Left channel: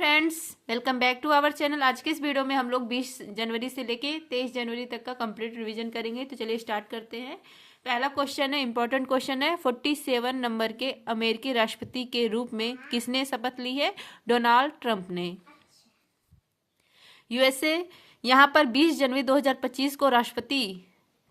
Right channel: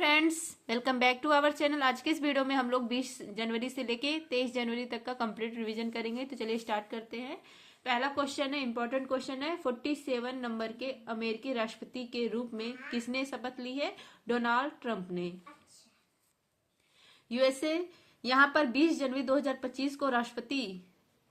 Friends, welcome back to our channel. आज के इस वीडियो में हम लोग 20 जनवरी से लेके 23 जनवरी तक का कंप्लीट रिवीजन करेंगे। तो चलिए स्टार्ट करते हैं। पहला क्वेश्चन है, इंपॉर्टेंट क्वेश्चन है। 47 नंबर के अमेरिकी राष्ट्रपति के रूप में किसने शपथ ली है? डोनाल्ड ट्रंप ने। यूएसए यहाँ पर 20 जनवरी 2025 को राष्ट्रपति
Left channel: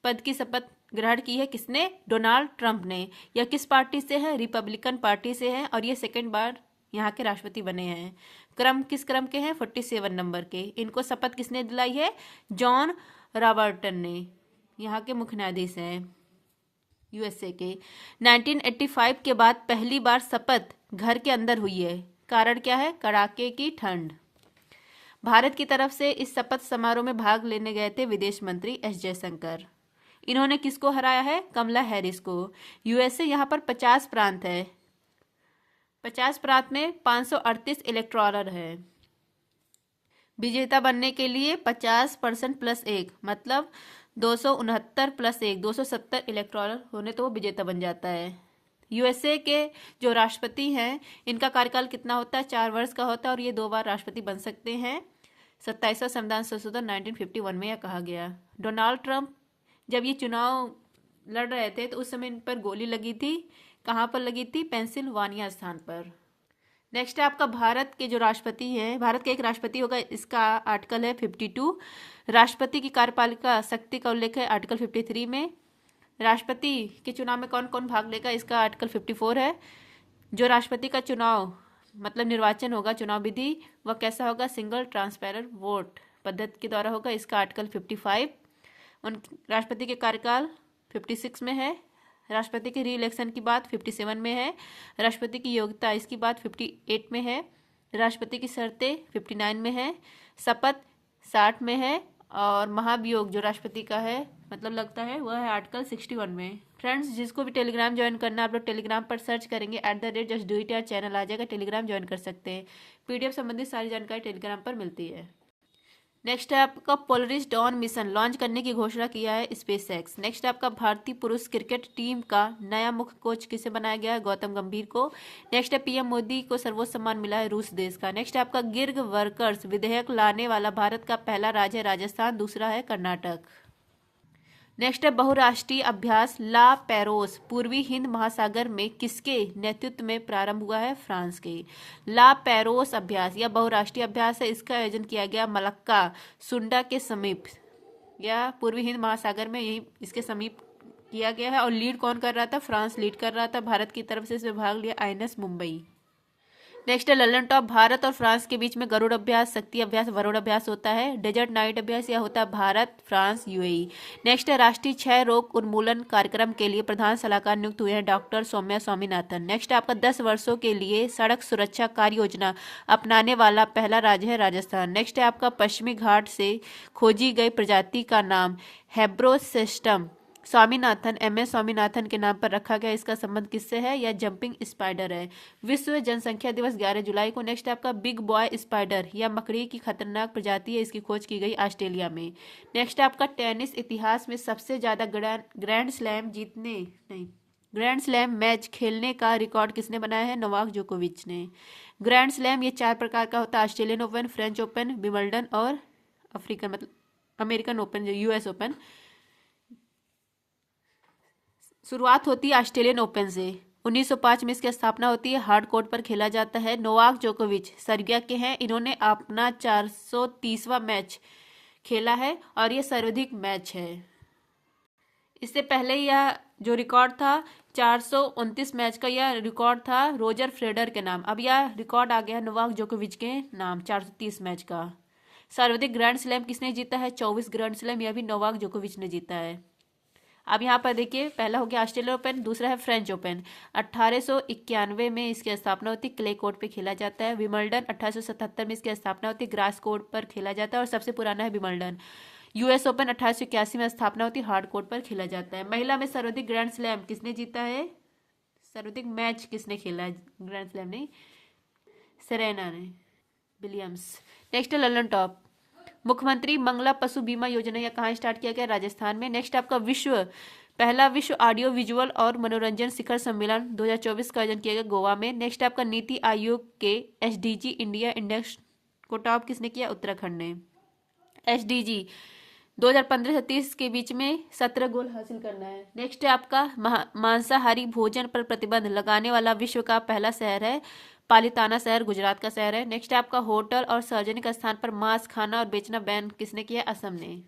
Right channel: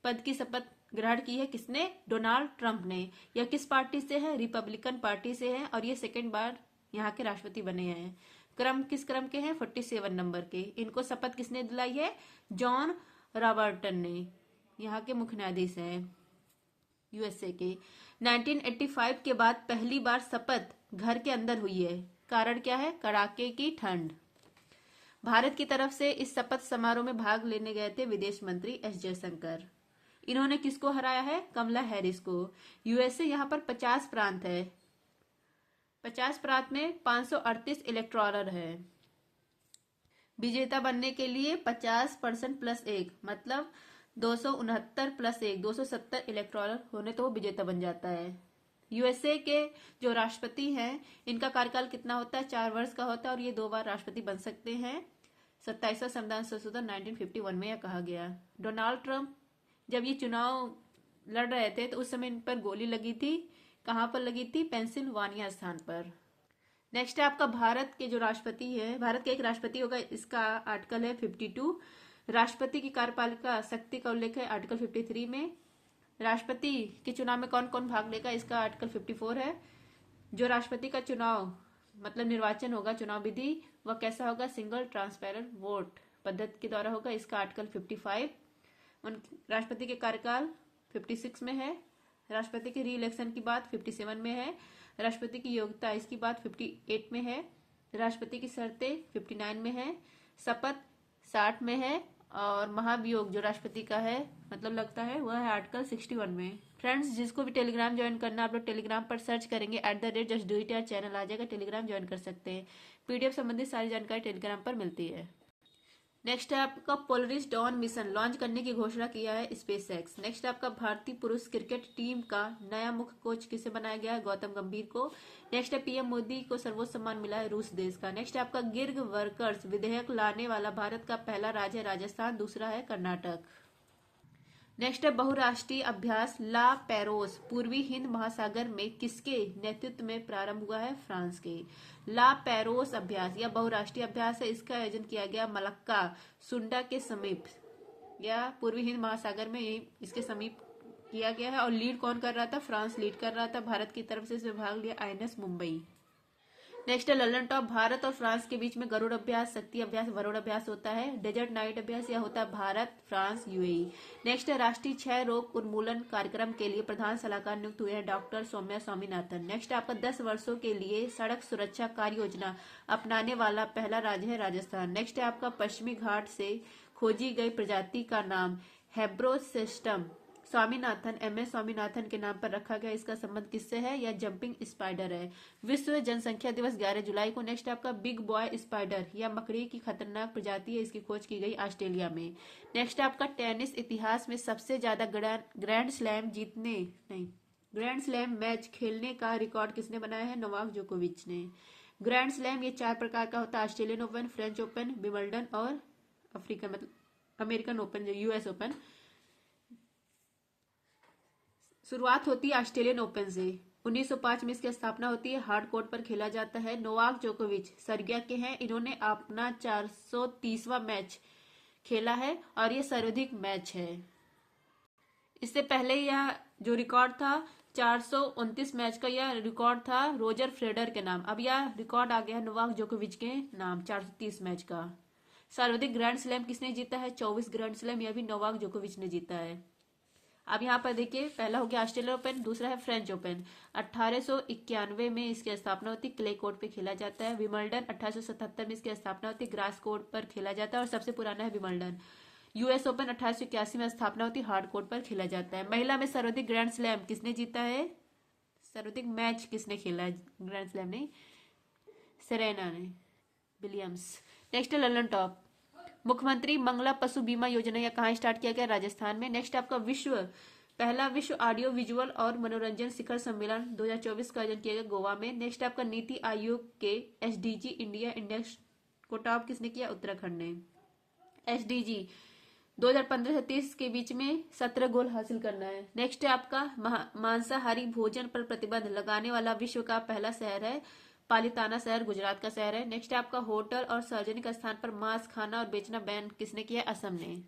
पद की शपथ ग्रहण की है। किसने? डोनाल्ड ट्रंप ने। यह किस पार्टी से है? रिपब्लिकन पार्टी से है और ये सेकेंड बार यहाँ के राष्ट्रपति बने हैं। क्रम किस क्रम के हैं? 47 नंबर के। इनको शपथ किसने दिलाई है? जॉन रॉबर्टसन ने। यहाँ के मुख्य न्यायाधीश हैं यूएसए के। 1985 के बाद पहली बार शपथ घर के अंदर हुई है। कारण क्या है? कड़ाके की ठंड। भारत की तरफ से इस शपथ समारोह में भाग लेने गए थे विदेश मंत्री एस जयशंकर। इन्होंने किसको हराया है? कमला हैरिस को। यूएसए यहाँ पर 50 प्रांत है। 50 प्रांत में 538 इलेक्टोरल है। विजेता बनने के लिए 50% प्लस 1 मतलब 269 प्लस 1 270 इलेक्टोरल होने तो वो विजेता बन जाता है। यूएसए के जो राष्ट्रपति हैं इनका कार्यकाल कितना होता है? 4 वर्ष का होता है और ये 2 बार राष्ट्रपति बन सकते हैं। 27वां संविधान संशोधन 1951 में यह कहा गया। डोनाल्ड ट्रंप जब ये चुनाव लड़ रहे थे तो उस समय इन पर गोली लगी थी। कहाँ पर लगी थी? पेंसिल्वानिया स्थान पर। नेक्स्ट है आपका भारत के जो राष्ट्रपति हैं, भारत के एक राष्ट्रपति होगा, इसका आर्टिकल है 52। राष्ट्रपति की कार्यपालिका शक्ति का उल्लेख है आर्टिकल 53 में। राष्ट्रपति के चुनाव में कौन कौन भाग लेगा? इसका आर्टिकल 54 है। जो राष्ट्रपति का चुनाव मतलब निर्वाचन होगा, चुनाव विधि, वह कैसा होगा? सिंगल ट्रांसपेरेंट वोट पद्धति के द्वारा होगा। इसका आर्टिकल 55। उन राष्ट्रपति के कार्यकाल 56 में है। राष्ट्रपति की री इलेक्शन की बात 57 में है। राष्ट्रपति की योग्यता इसकी बात 58 में है। राष्ट्रपति की शर्तें 59 में है। शपथ 60 में है और महाभियोग जो राष्ट्रपति का है मतलब लगता है वह है आर्टिकल 61 में। फ्रेंड्स, जिसको भी टेलीग्राम ज्वाइन करना है आप लोग टेलीग्राम पर सर्च करेंगे @justdoityar चैनल आ जाएगा, टेलीग्राम ज्वाइन कर सकते हैं। पीडीएफ संबंधित सारी जानकारी टेलीग्राम पर मिलती है। नेक्स्ट है आपका पोलरिस डॉन मिशन लॉन्च करने की घोषणा किया है स्पेसएक्स। नेक्स्ट आपका भारतीय पुरुष क्रिकेट टीम का नया मुख्य कोच किसे बनाया गया है? गौतम गंभीर को। नेक्स्ट है पीएम मोदी को सर्वोच्च सम्मान मिला है रूस देश का। नेक्स्ट है आपका गिग वर्कर्स विधेयक लाने वाला भारत का पहला राज्य है राजस्थान, दूसरा है कर्नाटक। नेक्स्ट है बहुराष्ट्रीय अभ्यास ला पेरोस पूर्वी हिंद महासागर में किसके नेतृत्व में प्रारंभ हुआ है? फ्रांस के। ला पेरोस अभ्यास यह बहुराष्ट्रीय अभ्यास है। इसका आयोजन किया गया मलक्का सुंडा के समीप या पूर्वी हिंद महासागर में, यही इसके समीप किया गया है। और लीड कौन कर रहा था? फ्रांस लीड कर रहा था। भारत की तरफ से इसमें भाग लिया आईएनएस मुंबई। नेक्स्ट है ललन टॉप भारत और फ्रांस के बीच में गरुड़ अभ्यास, शक्ति अभ्यास, वरुण अभ्यास होता है। डेजर्ट नाइट अभ्यास यह होता है भारत, फ्रांस, यूएई। नेक्स्ट है राष्ट्रीय क्षय रोग उन्मूलन कार्यक्रम के लिए प्रधान सलाहकार नियुक्त हुए हैं डॉक्टर सौम्या स्वामीनाथन। नेक्स्ट आपका 10 वर्षों के लिए सड़क सुरक्षा कार्य योजना अपनाने वाला पहला राज्य है राजस्थान। नेक्स्ट है आपका पश्चिमी घाट से खोजी गई प्रजाति का नाम हेब्रोसिस्टम स्वामीनाथन MS स्वामीनाथन के नाम पर रखा गया। इसका संबंध किससे है? यह जंपिंग स्पाइडर है। विश्व जनसंख्या दिवस 11 जुलाई को। नेक्स्ट आपका बिग बॉय स्पाइडर या मकड़ी की खतरनाक प्रजाति है, इसकी खोज की गई ऑस्ट्रेलिया में। नेक्स्ट आपका टेनिस इतिहास में सबसे ज्यादा ग्रैंड स्लैम मैच खेलने का रिकॉर्ड किसने बनाया है? नोवाक जोकोविच ने। ग्रैंड स्लैम ये 4 प्रकार का होता है: Australian open, French open, Wimbledon और अफ्रीकन मतलब अमेरिकन ओपन जो US ओपन। शुरुआत होती है ऑस्ट्रेलियन ओपन से। 1905 में इसकी स्थापना होती है। हार्ड कोर्ट पर खेला जाता है। नोवाक जोकोविच सर्बिया के हैं। इन्होंने अपना 430वां मैच खेला है और ये सर्वाधिक मैच है। इससे पहले यह जो रिकॉर्ड था 429 मैच का, यह रिकॉर्ड था रोजर फेडरर के नाम। अब यह रिकॉर्ड आ गया नोवाक जोकोविच के नाम 430 मैच का। सर्वाधिक ग्रैंड स्लैम किसने जीता है? 24 ग्रैंड स्लैम, यह भी नोवाक जोकोविच ने जीता है। अब यहाँ पर देखिए, पहला हो गया ऑस्ट्रेलियन ओपन, दूसरा है फ्रेंच ओपन। 1891 में इसकी स्थापना होती है, क्ले कोर्ट पे खेला जाता है। विंबलडन 1877 में इसकी स्थापना होती है, ग्रास कोर्ट पर खेला जाता है और सबसे पुराना है विंबलडन। US ओपन 1881 में स्थापना होती है, हार्ड कोर्ट पर खेला जाता है। महिला में सर्वाधिक ग्रैंड स्लैम किसने जीता है? सर्वाधिक मैच किसने खेला है? ग्रैंड स्लैम ने सेरेना ने विलियम्स। नेक्स्ट है ललन टॉप मुख्यमंत्री मंगला पशु बीमा योजना, यह कहाँ स्टार्ट किया गया? राजस्थान में। नेक्स्ट आपका विश्व पहला विश्व ऑडियो विजुअल और मनोरंजन शिखर सम्मेलन 2024 का आयोजन किया गया गोवा में। नेक्स्ट आपका नीति आयोग के एसडीजी इंडिया इंडेक्स को टॉप किसने किया? उत्तराखंड ने। एसडीजी 2015 से 30 के बीच में 17 गोल हासिल करना है। नेक्स्ट है आपका मांसाहारी भोजन पर प्रतिबंध लगाने वाला विश्व का पहला शहर है पालिताना शहर, गुजरात का शहर है। नेक्स्ट है आपका होटल और सार्वजनिक स्थान पर मांस खाना और बेचना बैन किसने किया? असम ने।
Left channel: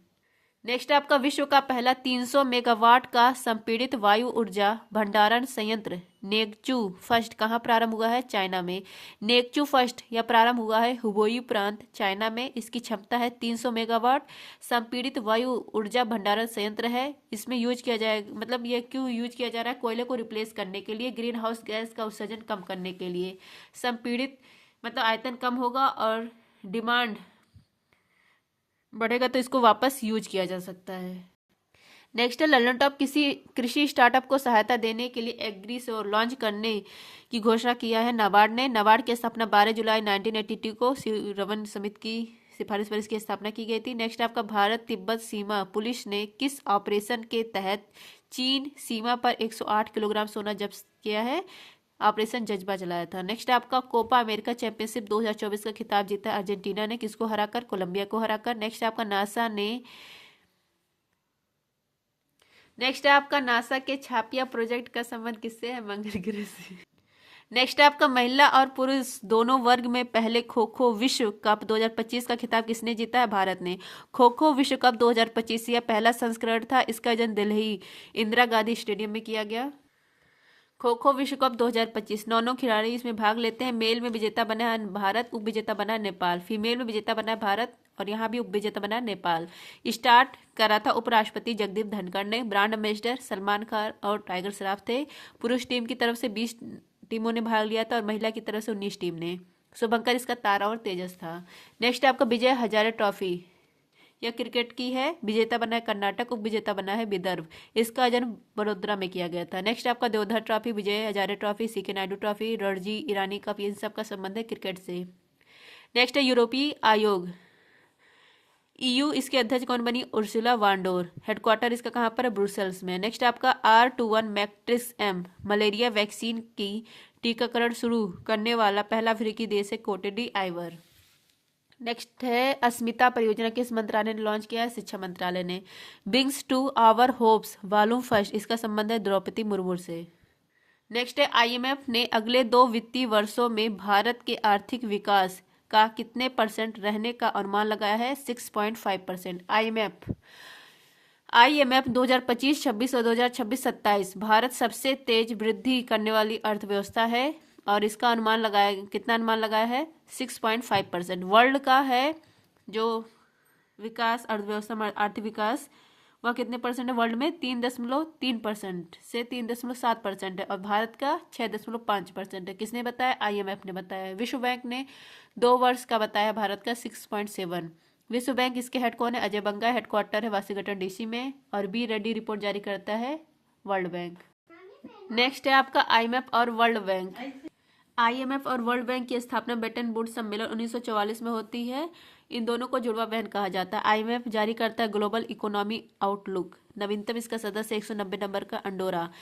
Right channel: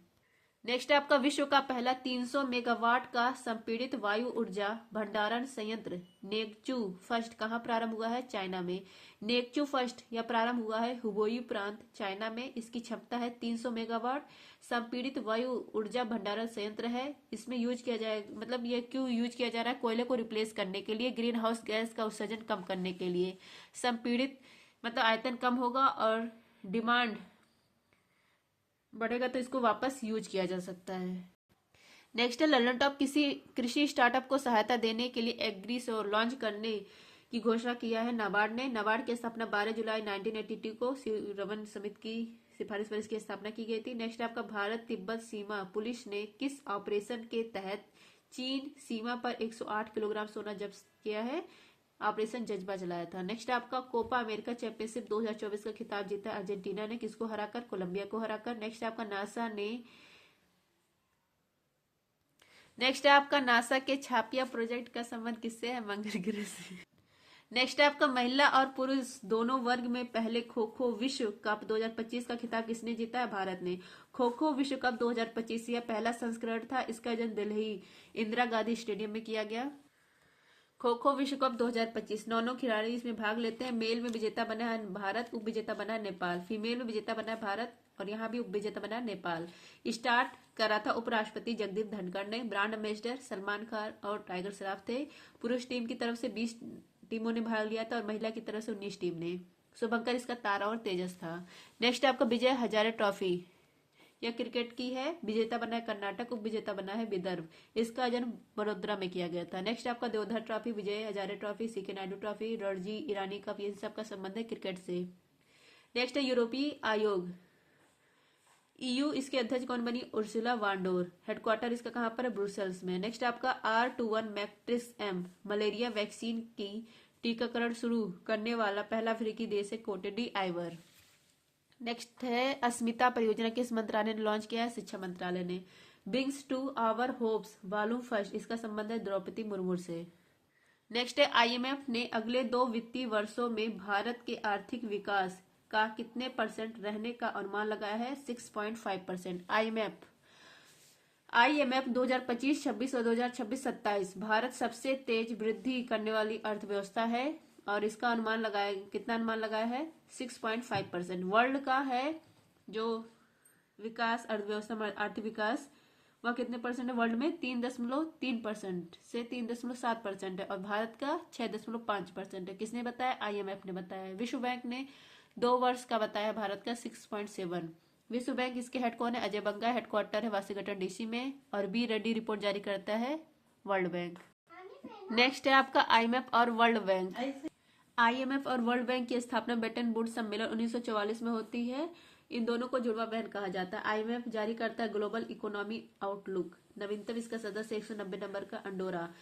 नेक्स्ट आपका विश्व का पहला 300 मेगावाट का संपीड़ित वायु ऊर्जा भंडारण संयंत्र नेकचू फर्स्ट कहाँ प्रारंभ हुआ है? चाइना में। नेकचू फर्स्ट यह प्रारंभ हुआ है हुबोई प्रांत, चाइना में। इसकी क्षमता है 300 मेगावाट। संपीड़ित वायु ऊर्जा भंडारण संयंत्र है। इसमें यूज किया जाए, मतलब ये क्यों यूज किया जा रहा है? कोयले को रिप्लेस करने के लिए, ग्रीन हाउस गैस का उत्सर्जन कम करने के लिए। संपीड़ित मतलब आयतन कम होगा और डिमांड बढ़ेगा तो इसको वापस यूज किया जा सकता है। नेक्स्ट है ललन टॉप किसी कृषि स्टार्टअप को सहायता देने के लिए एग्री से लॉन्च करने की घोषणा किया है नाबार्ड ने। नाबार्ड की स्थापना 12 जुलाई 1982 को रवन समिति की सिफारिश पर इसकी स्थापना की गई थी। नेक्स्ट आपका भारत तिब्बत सीमा पुलिस ने किस ऑपरेशन के तहत चीन सीमा पर 108 किलोग्राम सोना जब्त किया है? ऑपरेशन जज्बा चलाया था। नेक्स्ट आपका कोपा अमेरिका चैंपियनशिप 2024 का खिताब जीता अर्जेंटीना ने, किसको हराकर? कोलंबिया को हराकर। नेक्स्ट आपका नासा के छापिया प्रोजेक्ट का संबंध किससे है? मंगल ग्रह से। नेक्स्ट आपका महिला और पुरुष दोनों वर्ग में पहले खो खो विश्व कप 2025 का खिताब किसने जीता है? भारत ने। खो खो विश्व कप 2025 यह पहला संस्करण था। इसका आयोजन दिल्ली इंदिरा गांधी स्टेडियम में किया गया। खो खो विश्व कप 2025 9 खिलाड़ी इसमें भाग लेते हैं। मेल में विजेता बना है भारत, उप विजेता बना है नेपाल। फीमेल में विजेता बना है भारत और यहाँ भी उप विजेता बना है नेपाल। स्टार्ट करा था उपराष्ट्रपति जगदीप धनखड़ ने। ब्रांड एम्बेसडर सलमान खान और टाइगर श्रॉफ थे। पुरुष टीम की तरफ से 20 टीमों ने भाग लिया था और महिला की तरफ से 19 टीम ने। शुभंकर इसका तारा और तेजस था। नेक्स्ट आपका विजय हजारे ट्रॉफी यह क्रिकेट की है। विजेता बना है कर्नाटक, उप विजेता बना है विदर्भ। इसका आयोजन बड़ोदरा में किया गया था। नेक्स्ट आपका Deodhar trophy, Vijay Hazare trophy, CK Naidu trophy, Ranji Irani cup, इन सब का संबंध है क्रिकेट से। नेक्स्ट है यूरोपीय आयोग EU, इसके अध्यक्ष कौन बनी? उर्सुला वांडोर। हेडक्वार्टर इसका कहाँ पर है? ब्रुसेल्स में। नेक्स्ट आपका R21 matrix M malaria vaccine की टीकाकरण शुरू करने वाला पहला अफ्रीकी देश है कोटे डी आइवर। नेक्स्ट है अस्मिता परियोजना किस मंत्रालय ने लॉन्च किया है? शिक्षा मंत्रालय ने। Brings to our hopes volume first इसका संबंध है द्रौपदी मुर्मू से। नेक्स्ट है IMF ने अगले 2 वित्तीय वर्षों में भारत के आर्थिक विकास का कितने % रहने का अनुमान लगाया है? 6.5%। IMF 2025-26 और 2026-27 भारत सबसे तेज वृद्धि करने वाली अर्थव्यवस्था है और इसका अनुमान लगाया, कितना अनुमान लगाया है? 6.5%। वर्ल्ड का है जो विकास अर्थव्यवस्था आर्थिक विकास वह कितने % है वर्ल्ड में? 3.3% से 3.7% है और भारत का 6.5% है। किसने बताया? IMF ने बताया। विश्व बैंक ने 2 वर्ष का बताया भारत का 6.7। विश्व बैंक इसके हेड कौन है? अजय बंगा। हेडक्वार्टर है वाशिंगटन DC में और B रेड्डी रिपोर्ट जारी करता है वर्ल्ड बैंक। नेक्स्ट है आपका IMF और वर्ल्ड बैंक। IMF और वर्ल्ड बैंक की स्थापना ब्रेटन वुड्स सम्मेलन 1944 में होती है। इन दोनों को जुड़वा बहन कहा जाता है। IMF जारी करता है ग्लोबल इकोनॉमी आउटलुक। नवीनतम इसका सदस्य 190 नंबर का अंडोरा।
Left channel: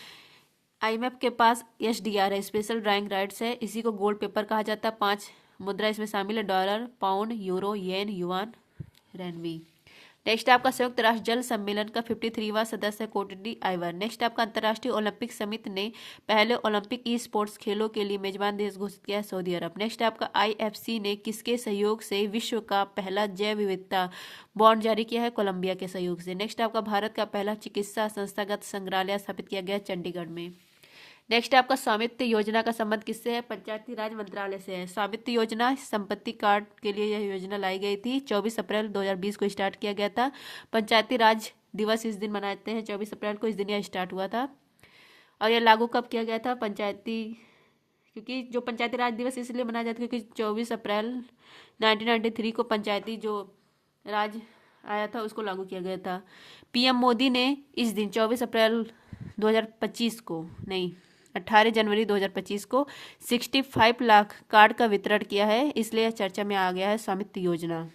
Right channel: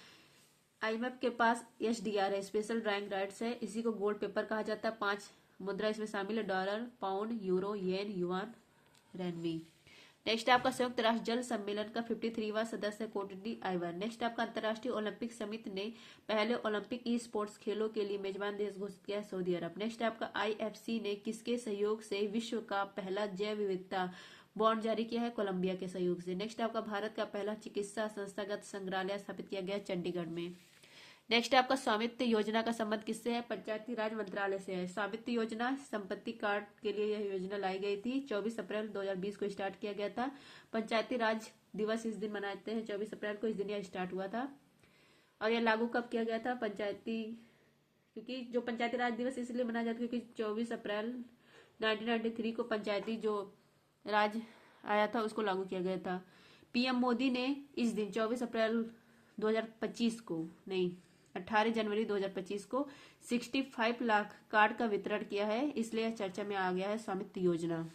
IMF के पास SDR है, स्पेशल ड्राइंग राइट्स है। इसी को गोल्ड पेपर कहा जाता है। 5 मुद्रा इसमें शामिल है, डॉलर, पाउंड, यूरो, येन, युआन, रेनवी। नेक्स्ट आपका संयुक्त राष्ट्र जल सम्मेलन का 53वां सदस्य है कोटे डी आइवर। नेक्स्ट आपका अंतर्राष्ट्रीय ओलंपिक समिति ने पहले ओलंपिक स्पोर्ट्स खेलों के लिए मेजबान देश घोषित किया है सऊदी अरब। नेक्स्ट आपका IFC ने किसके सहयोग से विश्व का पहला जैव विविधता बॉन्ड जारी किया है? कोलंबिया के सहयोग से। नेक्स्ट आपका भारत का पहला चिकित्सा संस्थागत संग्रहालय स्थापित किया गया चंडीगढ़ में। नेक्स्ट आपका स्वामित्व योजना का संबंध किससे है? पंचायती राज मंत्रालय से है। स्वामित्व योजना संपत्ति कार्ड के लिए यह योजना लाई गई थी। 24 अप्रैल 2020 को स्टार्ट किया गया था। पंचायती राज दिवस इस दिन मनाते हैं, 24 अप्रैल को इस दिन यह स्टार्ट हुआ था। और यह लागू कब किया गया था? क्योंकि जो पंचायती राज दिवस इसलिए मनाया जाता है क्योंकि 24 अप्रैल 1993 को पंचायती जो राज आया था उसको लागू किया गया था। PM मोदी ने इस दिन 24 अप्रैल 2025 को नहीं 18 जनवरी 2025 को 65 लाख कार्ड का वितरण किया है, इसलिए चर्चा में आ गया है स्वामित्व योजना।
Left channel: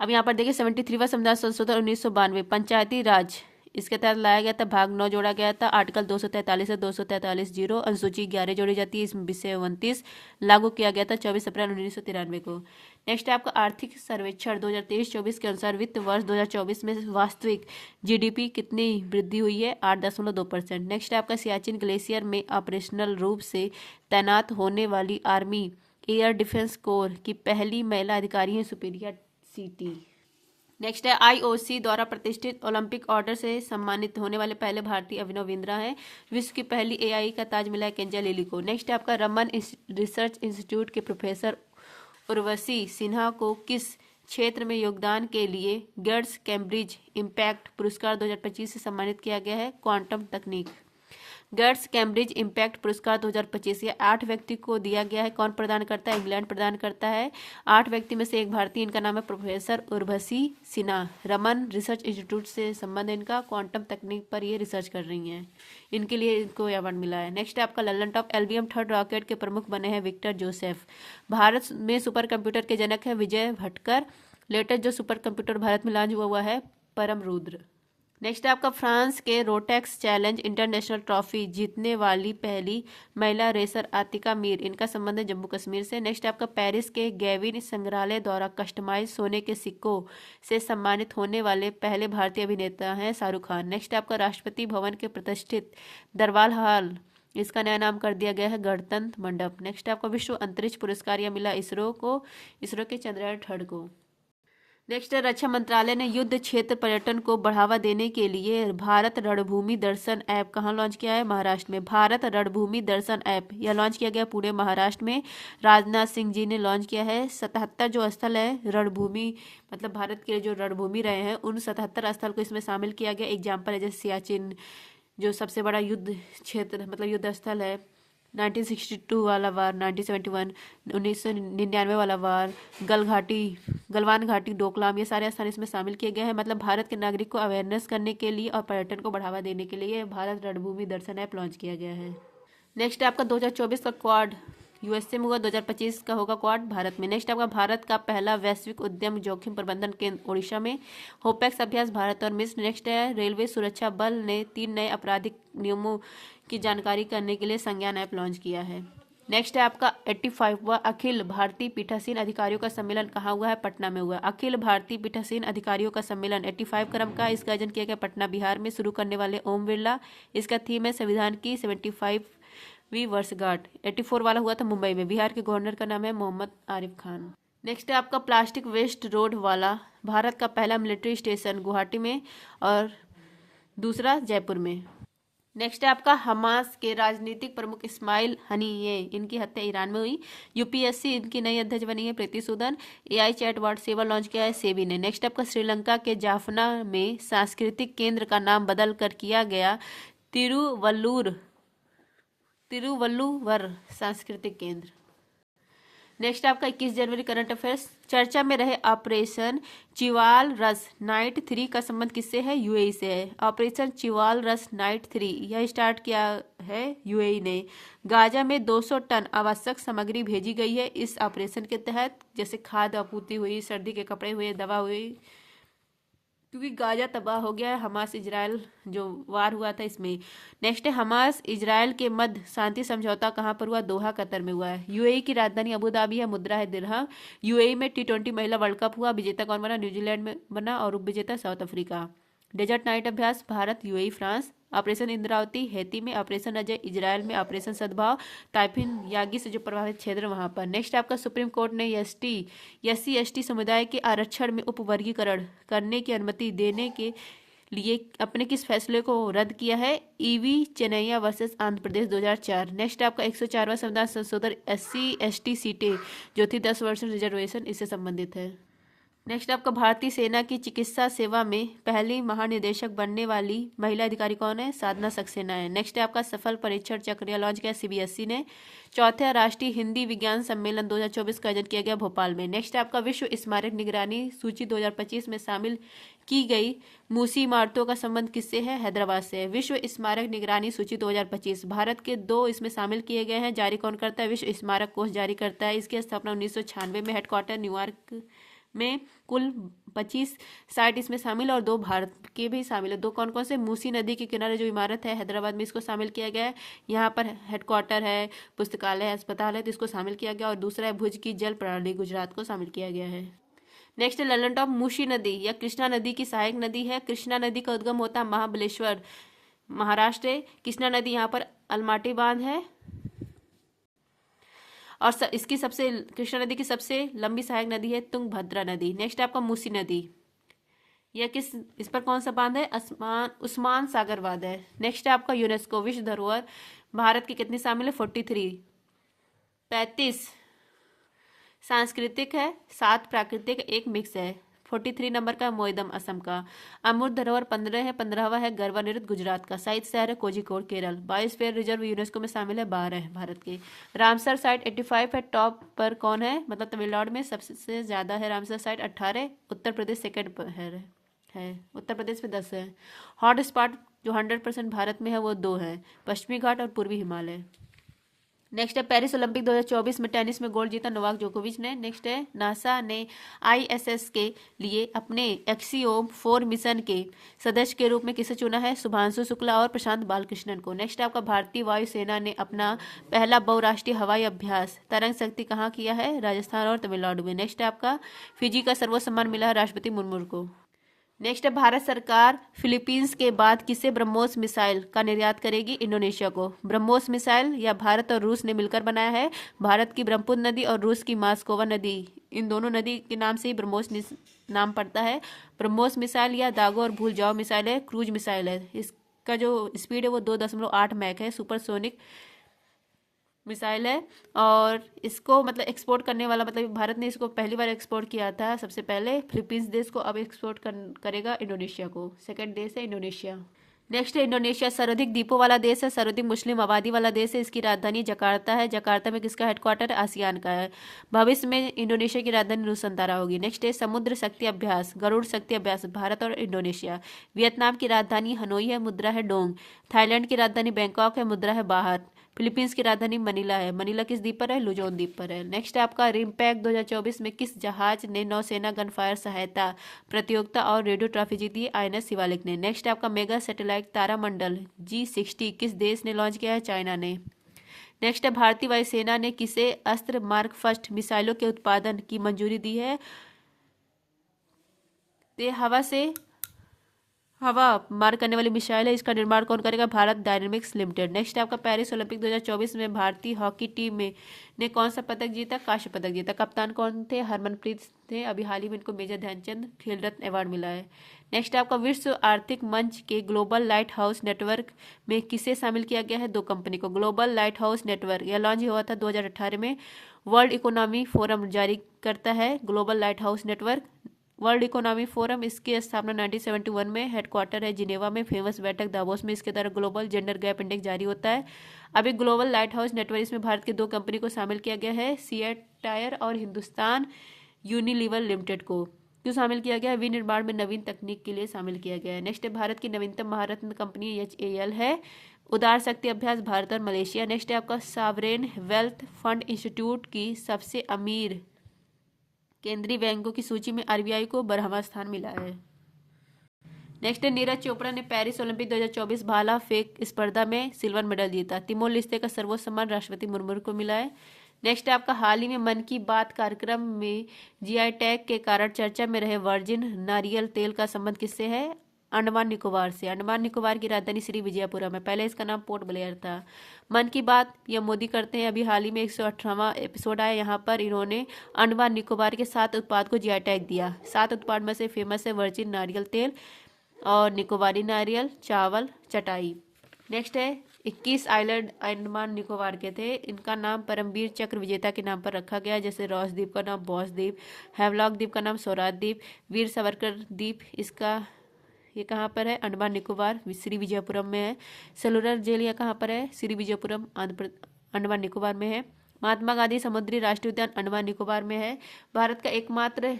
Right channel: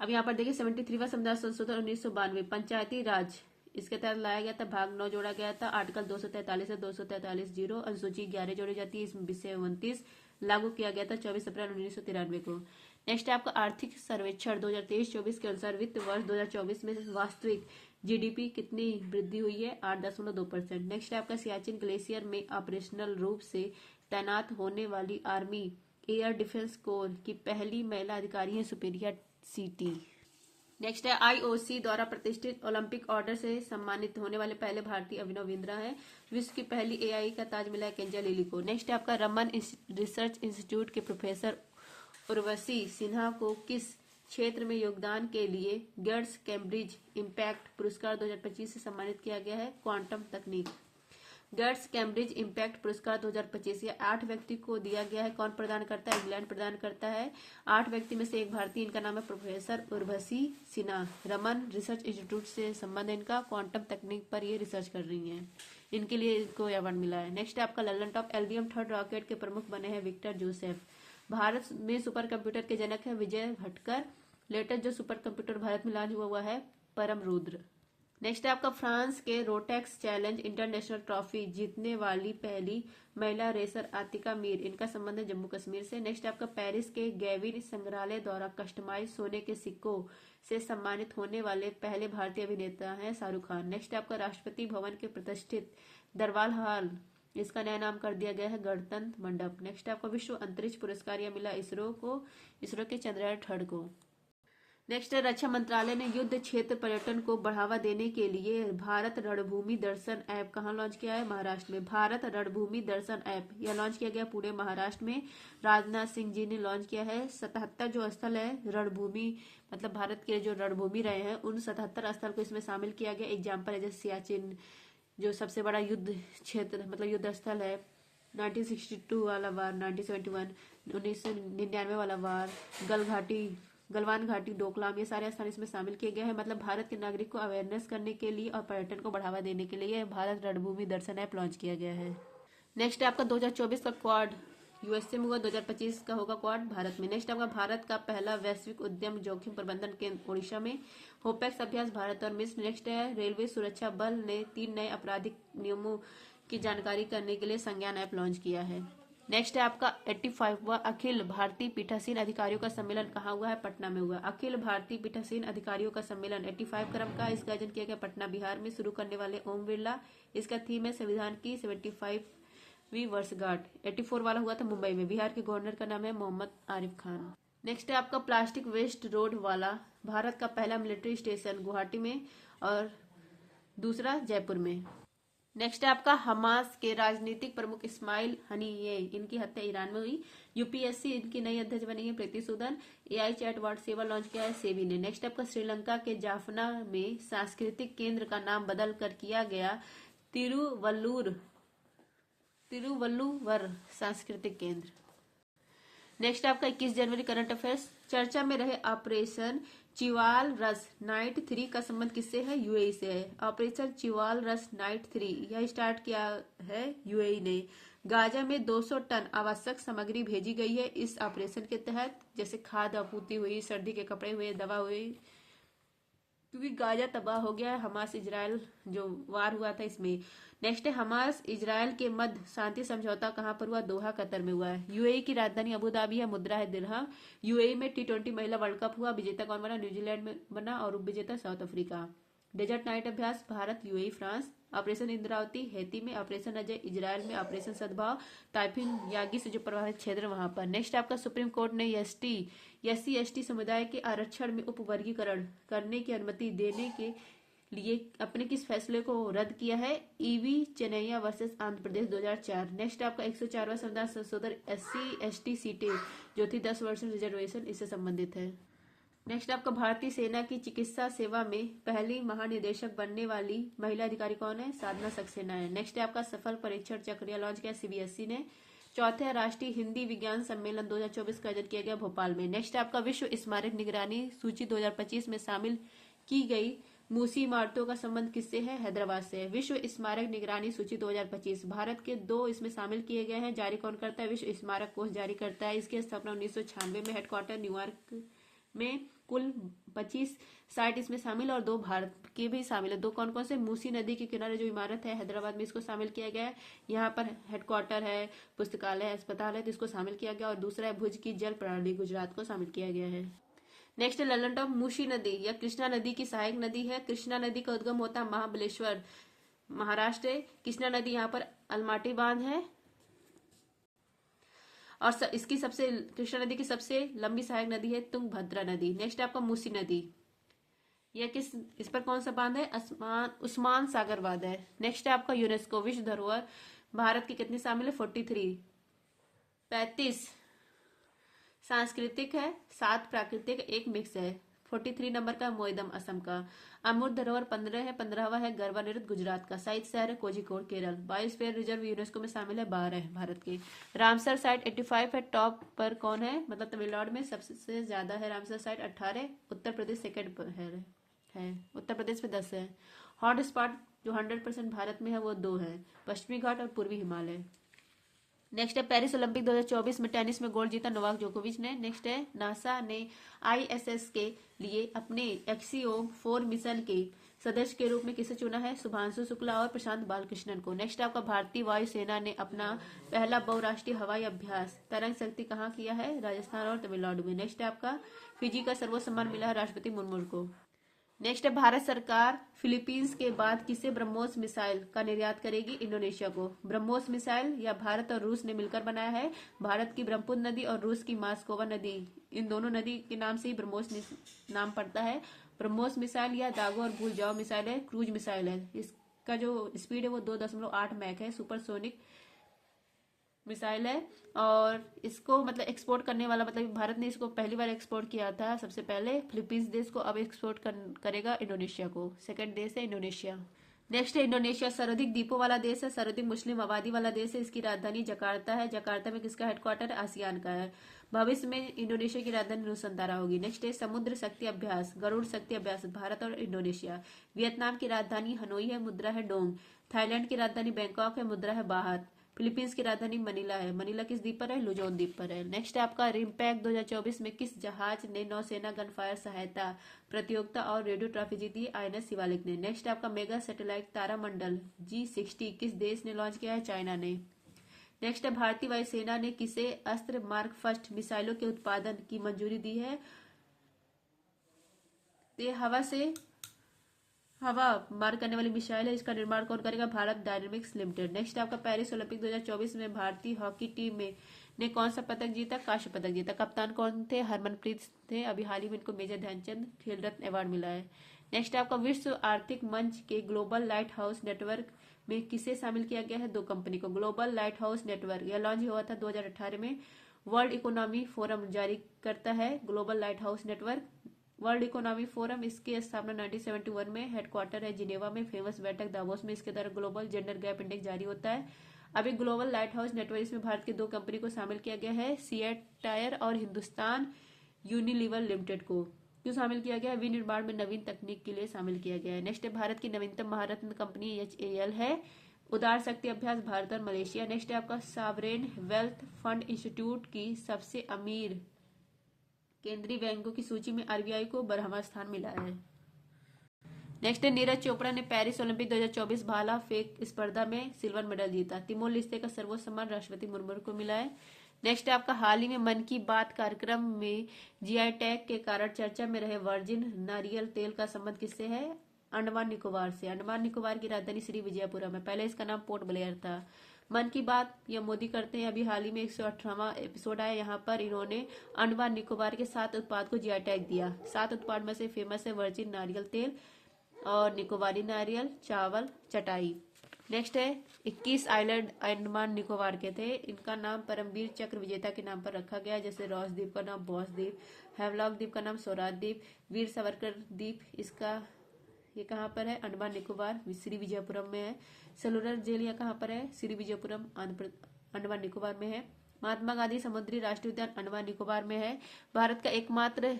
अब यहाँ पर देखिए 73वां संविधान संशोधन 1992 पंचायती राज इसके तहत लाया गया था, भाग 9 जोड़ा गया था, आर्टिकल 243 से 243 जीरो, अनुसूची 11 जोड़ी जाती है, इसमें विषय 29 लागू किया गया था 24 अप्रैल 1993 को। नेक्स्ट है आपका आर्थिक सर्वेक्षण 2023-24 के अनुसार वित्त वर्ष 2024 में वास्तविक जीडीपी कितनी वृद्धि हुई है? 8.2%। नेक्स्ट है आपका सियाचिन ग्लेशियर में ऑपरेशनल रूप से तैनात होने वाली आर्मी एयर डिफेंस कोर की पहली महिला अधिकारी है सुप्रिया सीटी। नेक्स्ट है आईओसी द्वारा प्रतिष्ठित ओलंपिक ऑर्डर से सम्मानित होने वाले पहले भारतीय अभिनव बिंद्रा हैं। विश्व की पहली एआई का ताज मिला है केंजा लिली को। नेक्स्ट है आपका रमन रिसर्च इंस्टीट्यूट के प्रोफेसर उर्वशी सिन्हा को किस क्षेत्र में योगदान के लिए गेट्स कैम्ब्रिज इम्पैक्ट पुरस्कार 2025 से सम्मानित किया गया है? क्वांटम तकनीक। गेट्स कैम्ब्रिज इम्पैक्ट पुरस्कार 2025 ये 8 व्यक्ति को दिया गया है। कौन प्रदान करता है? इंग्लैंड प्रदान करता है। 8 व्यक्ति में से एक भारतीय, इनका नाम है professor Urvashi Sinha. Raman research institute से संबंध इनका, क्वांटम तकनीक पर ये रिसर्च कर रही हैं, इनके लिए इनको अवार्ड मिला है। नेक्स्ट है आपका Lallan top LVM 3rd rocket के प्रमुख बने हैं विक्टर जोसेफ। भारत में सुपर कंप्यूटर के जनक है विजय भटकर। लेटेस्ट जो सुपर कंप्यूटर भारत में लॉन्च हुआ है परम रुद्र। नेक्स्ट है आपका फ्रांस के रोटेक्स चैलेंज इंटरनेशनल ट्रॉफी जीतने वाली पहली महिला रेसर आतिका मीर, इनका संबंध है जम्मू कश्मीर से। नेक्स्ट है आपका पेरिस के गैविन संग्रहालय द्वारा कस्टमाइज सोने के सिक्कों से सम्मानित होने वाले पहले भारतीय अभिनेता हैं शाहरुख खान। नेक्स्ट है आपका राष्ट्रपति भवन के प्रतिष्ठित दरबार हॉल, इसका नया नाम कर दिया गया है गणतंत्र मंडप। नेक्स्ट है आपका विश्व अंतरिक्ष पुरस्कार यह मिला इसरो को, इसरो के चंद्रयान 3 को। नेक्स्ट है रक्षा मंत्रालय ने युद्ध क्षेत्र पर्यटन को बढ़ावा देने के लिए भारत रणभूमि दर्शन ऐप कहाँ लॉन्च किया है? महाराष्ट्र में। भारत रणभूमि दर्शन ऐप यह लॉन्च किया गया पुणे महाराष्ट्र में। राजनाथ सिंह जी ने लॉन्च किया है। 77 जो स्थल है रणभूमि, मतलब भारत के जो रणभूमि रहे हैं उन 77 स्थल को इसमें शामिल किया गया। एग्जाम्पल है जैसे सियाचिन जो सबसे बड़ा युद्ध क्षेत्र मतलब युद्ध स्थल है, 1962 वाला वार, 1971 1999 वाला वार, गलवान घाटी, डोकलाम, ये सारे स्थान इसमें शामिल किए गए हैं। मतलब भारत के नागरिक को अवेयरनेस करने के लिए और पर्यटन को बढ़ावा देने के लिए भारत रणभूमि दर्शन ऐप लॉन्च किया गया है। नेक्स्ट आपका 2024 का क्वाड यूएसए में हुआ, 2025 का होगा क्वाड भारत में। नेक्स्ट आपका भारत का पहला वैश्विक उद्यम जोखिम प्रबंधन केंद्र ओडिशा में। होपेक्स अभ्यास भारत और मिस्र। नेक्स्ट है रेलवे सुरक्षा बल ने 3 नए आपराधिक नियमों की जानकारी करने के लिए संज्ञान ऐप लॉन्च किया है। नेक्स्ट है आपका 85वां अखिल भारतीय पीठासीन अधिकारियों का सम्मेलन कहाँ हुआ है? पटना में हुआ। अखिल भारतीय पीठासीन अधिकारियों का सम्मेलन 85 क्रम का, इसका आयोजन किया गया पटना बिहार में। शुरू करने वाले ओम बिरला, इसका थीम है संविधान की 75वीं वर्षगांठ। 84 वाला हुआ था मुंबई में। बिहार के गवर्नर का नाम है मोहम्मद आरिफ खान। नेक्स्ट है आपका प्लास्टिक वेस्ट रोड वाला भारत का पहला मिलिट्री स्टेशन गुवाहाटी में और दूसरा जयपुर में। नेक्स्ट है आपका हमास के राजनीतिक प्रमुख इस्माइल हनीये, इनकी हत्या ईरान में हुई। यूपीएससी इनकी नई अध्यक्ष बनी है प्रीति सूदन। एआई चैटबॉट सेवा लॉन्च किया है सेबी ने। नेक्स्ट आपका श्रीलंका के जाफना में सांस्कृतिक केंद्र का नाम बदल कर किया गया तिरुवल्लुवर सांस्कृतिक केंद्र। नेक्स्ट आपका 21 जनवरी करंट अफेयर्स। चर्चा में रहे ऑपरेशन चिवाल रस नाइट 3 का संबंध किससे है? यूएई से है। ऑपरेशन चिवाल रस नाइट 3 यह स्टार्ट किया है यूएई ने। गाजा में 200 टन आवश्यक सामग्री भेजी गई है इस ऑपरेशन के तहत, जैसे खाद्य आपूर्ति हुई, सर्दी के कपड़े हुए, दवा हुई, क्योंकि गाजा तबाह हो गया है हमास इजराइल जो वार हुआ था इसमें। नेक्स्ट है हमास इजराइल के मध्य शांति समझौता कहाँ पर हुआ? दोहा कतर में हुआ है। यूएई की राजधानी अबू धाबी है, मुद्रा है दिरहम। यूएई में T20 महिला वर्ल्ड कप हुआ, विजेता कौन बना? न्यूजीलैंड में बना और उपविजेता साउथ अफ्रीका। डेजर्ट नाइट अभ्यास Bharat UAE France. Operation Indravati Haiti में। ऑपरेशन अजय इजराइल में। ऑपरेशन सद्भाव ताइफिन यागी से जो प्रभावित क्षेत्र वहां पर। नेक्स्ट आपका सुप्रीम कोर्ट ने SC/ST समुदाय के आरक्षण में उपवर्गीकरण करने की अनुमति देने के लिए अपने किस फैसले को रद्द किया है? EV Chennaiah versus Andhra Pradesh 2004। Next आपका 104वां संविधान संशोधन SC/ST सीटें जो थी 10 वर्ष रिजर्वेशन इससे संबंधित है। नेक्स्ट आपका भारतीय सेना की चिकित्सा सेवा में पहली महानिदेशक बनने वाली महिला अधिकारी कौन है? साधना सक्सेना है। नेक्स्ट है आपका सफल परीक्षण चक्र लॉन्च किया CBSE ने। चौथे राष्ट्रीय हिंदी विज्ञान सम्मेलन 2024 का आयोजन किया गया भोपाल में। नेक्स्ट आपका विश्व स्मारक निगरानी सूची 2025 में शामिल की गई मूसी इमारतों का संबंध किससे है? हैदराबाद से है। विश्व स्मारक निगरानी सूची 2025 भारत के 2 इसमें शामिल किए गए हैं। जारी कौन करता है? विश्व स्मारक कोष जारी करता है। इसकी स्थापना 1996 में, हेडक्वार्टर न्यूयॉर्क में कुल 25 साइट इसमें शामिल है और 2 भारत के भी शामिल है। 2 कौन कौन से? मूसी नदी के किनारे जो इमारत है हैदराबाद में, इसको शामिल किया गया है। यहाँ पर हेडक्वार्टर है, पुस्तकालय है, अस्पताल है, तो इसको शामिल किया गया। और दूसरा है भुज की जल प्रणाली, गुजरात को शामिल किया गया है। नेक्स्ट है ललन टॉप मूसी नदी या कृष्णा नदी की सहायक नदी है। कृष्णा नदी का उद्गम होता है महाबलेश्वर, महाराष्ट्र है। कृष्णा नदी यहाँ पर अलमाटी बांध है और इसकी सबसे कृष्णा नदी की सबसे लंबी सहायक नदी है तुंगभद्रा नदी। नेक्स्ट आपका मूसी नदी, यह इस पर कौन सा बांध है? उस्मान सागर बांध है। नेक्स्ट है आपका यूनेस्को विश्व धरोहर, भारत की कितनी शामिल है? 43। 35 सांस्कृतिक है, 7 प्राकृतिक, 1 मिक्स है। 43 नंबर का मोइदम असम का। अमूर्त धरोहर 15 है, 15वां है गरबा नृत्य गुजरात का। साइट शहर है Kozhikode Kerala. Biosphere reserve UNESCO में शामिल है, 12 है भारत के। रामसर साइट 85 है, टॉप पर कौन है? मतलब तमिलनाडु में सबसे ज्यादा है Ramsar site 18, Uttar Pradesh second पर है। उत्तर प्रदेश में 10 है। हॉट स्पॉट जो 100% भारत में है वो 2 है, पश्चिमी घाट और पूर्वी हिमालय। नेक्स्ट है पेरिस ओलंपिक 2024 में टेनिस में गोल्ड जीता नोवाक जोकोविच ने। नेक्स्ट है नासा ने आईएसएस के लिए अपने एक्सियोम 4 मिशन के सदस्य के रूप में किसे चुना है? शुभांशु शुक्ला और प्रशांत बालकृष्णन को। नेक्स्ट आपका भारतीय वायुसेना ने अपना पहला बहुराष्ट्रीय हवाई अभ्यास तरंग शक्ति कहाँ किया है? राजस्थान और तमिलनाडु में। नेक्स्ट आपका फिजी का सर्वोच्च सम्मान मिला है राष्ट्रपति मुर्मू को। नेक्स्ट है भारत सरकार फिलीपींस के बाद किसे ब्रह्मोस मिसाइल का निर्यात करेगी? इंडोनेशिया को। ब्रह्मोस मिसाइल या भारत और रूस ने मिलकर बनाया है। भारत की ब्रह्मपुत्र नदी और रूस की मास्कोवा नदी, इन दोनों नदी के नाम से ही ब्रह्मोस नाम पड़ता है। ब्रह्मोस मिसाइल या दागो और भूल जाओ मिसाइल है, क्रूज मिसाइल है। इसका जो स्पीड है वो 2.8 मैक है, सुपरसोनिक मिसाइल है। और इसको मतलब एक्सपोर्ट करने वाला, मतलब भारत ने इसको पहली बार एक्सपोर्ट किया था सबसे पहले फिलीपींस देश को, अब एक्सपोर्ट करेगा इंडोनेशिया को। सेकंड देश है इंडोनेशिया। नेक्स्ट है इंडोनेशिया सर्वाधिक द्वीपों वाला देश है, सर्वाधिक मुस्लिम आबादी वाला देश है। इसकी राजधानी जकार्ता है। जकार्ता में किसका हेडक्वार्टर है? आसियान का है। भविष्य में इंडोनेशिया की राजधानी नुसंतारा होगी। नेक्स्ट है समुद्र शक्ति अभ्यास, गरुड़ शक्ति अभ्यास, भारत और इंडोनेशिया। वियतनाम की राजधानी हनोई है, मुद्रा है डोंग। थाईलैंड की राजधानी बैंकॉक है, मुद्रा है बाहत। फिलीपींस की राजधानी मनीला है। मनीला किस द्वीप पर है? लुजोन द्वीप पर है। नेक्स्ट आपका रिमपैक 2024 में किस जहाज ने नौसेना गनफायर सहायता प्रतियोगिता और रेडियो ट्रॉफी जीती? आईएनएस शिवालिक ने। नेक्स्ट आपका मेगा सैटेलाइट तारामंडल G60 किस देश ने लॉन्च किया है? चाइना ने। नेक्स्ट है भारतीय वायुसेना ने किसे अस्त्र मार्क फर्स्ट मिसाइलों के उत्पादन की मंजूरी दी है? ये हवा मार करने वाली मिसाइल है। इसका निर्माण कौन करेगा? Bharat dynamics limited. नेक्स्ट आपका पेरिस ओलंपिक 2024 में भारतीय हॉकी टीम ने कौन सा पदक जीता? कांस्य पदक जीता। कप्तान कौन थे? हरमनप्रीत थे। अभी हाल ही में इनको मेजर ध्यानचंद खेल रत्न अवार्ड मिला है। नेक्स्ट आपका विश्व आर्थिक मंच के ग्लोबल लाइट हाउस नेटवर्क में किसे शामिल किया गया है? 2 कंपनी को। ग्लोबल लाइट हाउस नेटवर्क यह लॉन्च हुआ था 2018 में। वर्ल्ड इकोनॉमी फोरम जारी करता है global light house network. World economy forum, इसकी स्थापना 1971 में, हेडक्वार्टर है जिनेवा में, फेमस बैठक दावोस में। इसके द्वारा ग्लोबल जेंडर गैप इंडेक्स जारी होता है। अभी ग्लोबल लाइट हाउस नेटवर्क, इसमें भारत के 2 कंपनी को शामिल किया गया है, सीएट टायर और हिंदुस्तान यूनिलीवर लिमिटेड को। क्यों शामिल किया गया है? विनिर्माण में नवीन तकनीक के लिए शामिल किया गया है। नेक्स्ट है भारत की नवीनतम महारत्न कंपनी HAL है। उदार शक्ति अभ्यास भारत और मलेशिया। नेक्स्ट है आपका सावरेन वेल्थ फंड इंस्टीट्यूट की सबसे अमीर केंद्रीय बैंकों की सूची में आरबीआई को 12वां स्थान मिला है। नेक्स्ट है नीरज चोपड़ा ने पेरिस ओलंपिक 2024 भाला फेंक स्पर्धा में सिल्वर मेडल जीता। तिमोर लेस्ते का सर्वोच्च सम्मान राष्ट्रपति मुर्मू को मिला है। नेक्स्ट है आपका हाल ही में मन की बात कार्यक्रम में जीआई टैग के कारण चर्चा में रहे वर्जिन नारियल तेल का संबंध किससे है? अंडमान निकोबार से। अंडमान निकोबार की राजधानी श्री विजयपुरम है, पहले इसका नाम पोर्ट ब्लेयर था। मन की बात ये मोदी करते हैं। अभी हाल ही में 118वां एपिसोड आया, यहाँ पर इन्होंने अंडमान निकोबार के 7 उत्पाद को जीआई टैग दिया। 7 उत्पाद में से फेमस है वर्जिन नारियल तेल और निकोबारी नारियल, चावल, चटाई। नेक्स्ट है 21 आइलैंड अंडमान निकोबार के थे। इनका नाम परमवीर चक्र विजेता के नाम पर रखा गया, जैसे रॉस द्वीप का नाम बॉस द्वीप, हैवलॉक द्वीप का नाम स्वराज द्वीप, वीर सावरकर द्वीप, इसका ये कहाँ पर है? अंडमान निकोबार श्री विजयपुरम में है। सेलुलर जेल यह कहाँ पर है? श्री विजयपुरम अंडमान निकोबार में है। महात्मा गांधी समुद्री राष्ट्रीय उद्यान अंडमान निकोबार में है। भारत का एकमात्र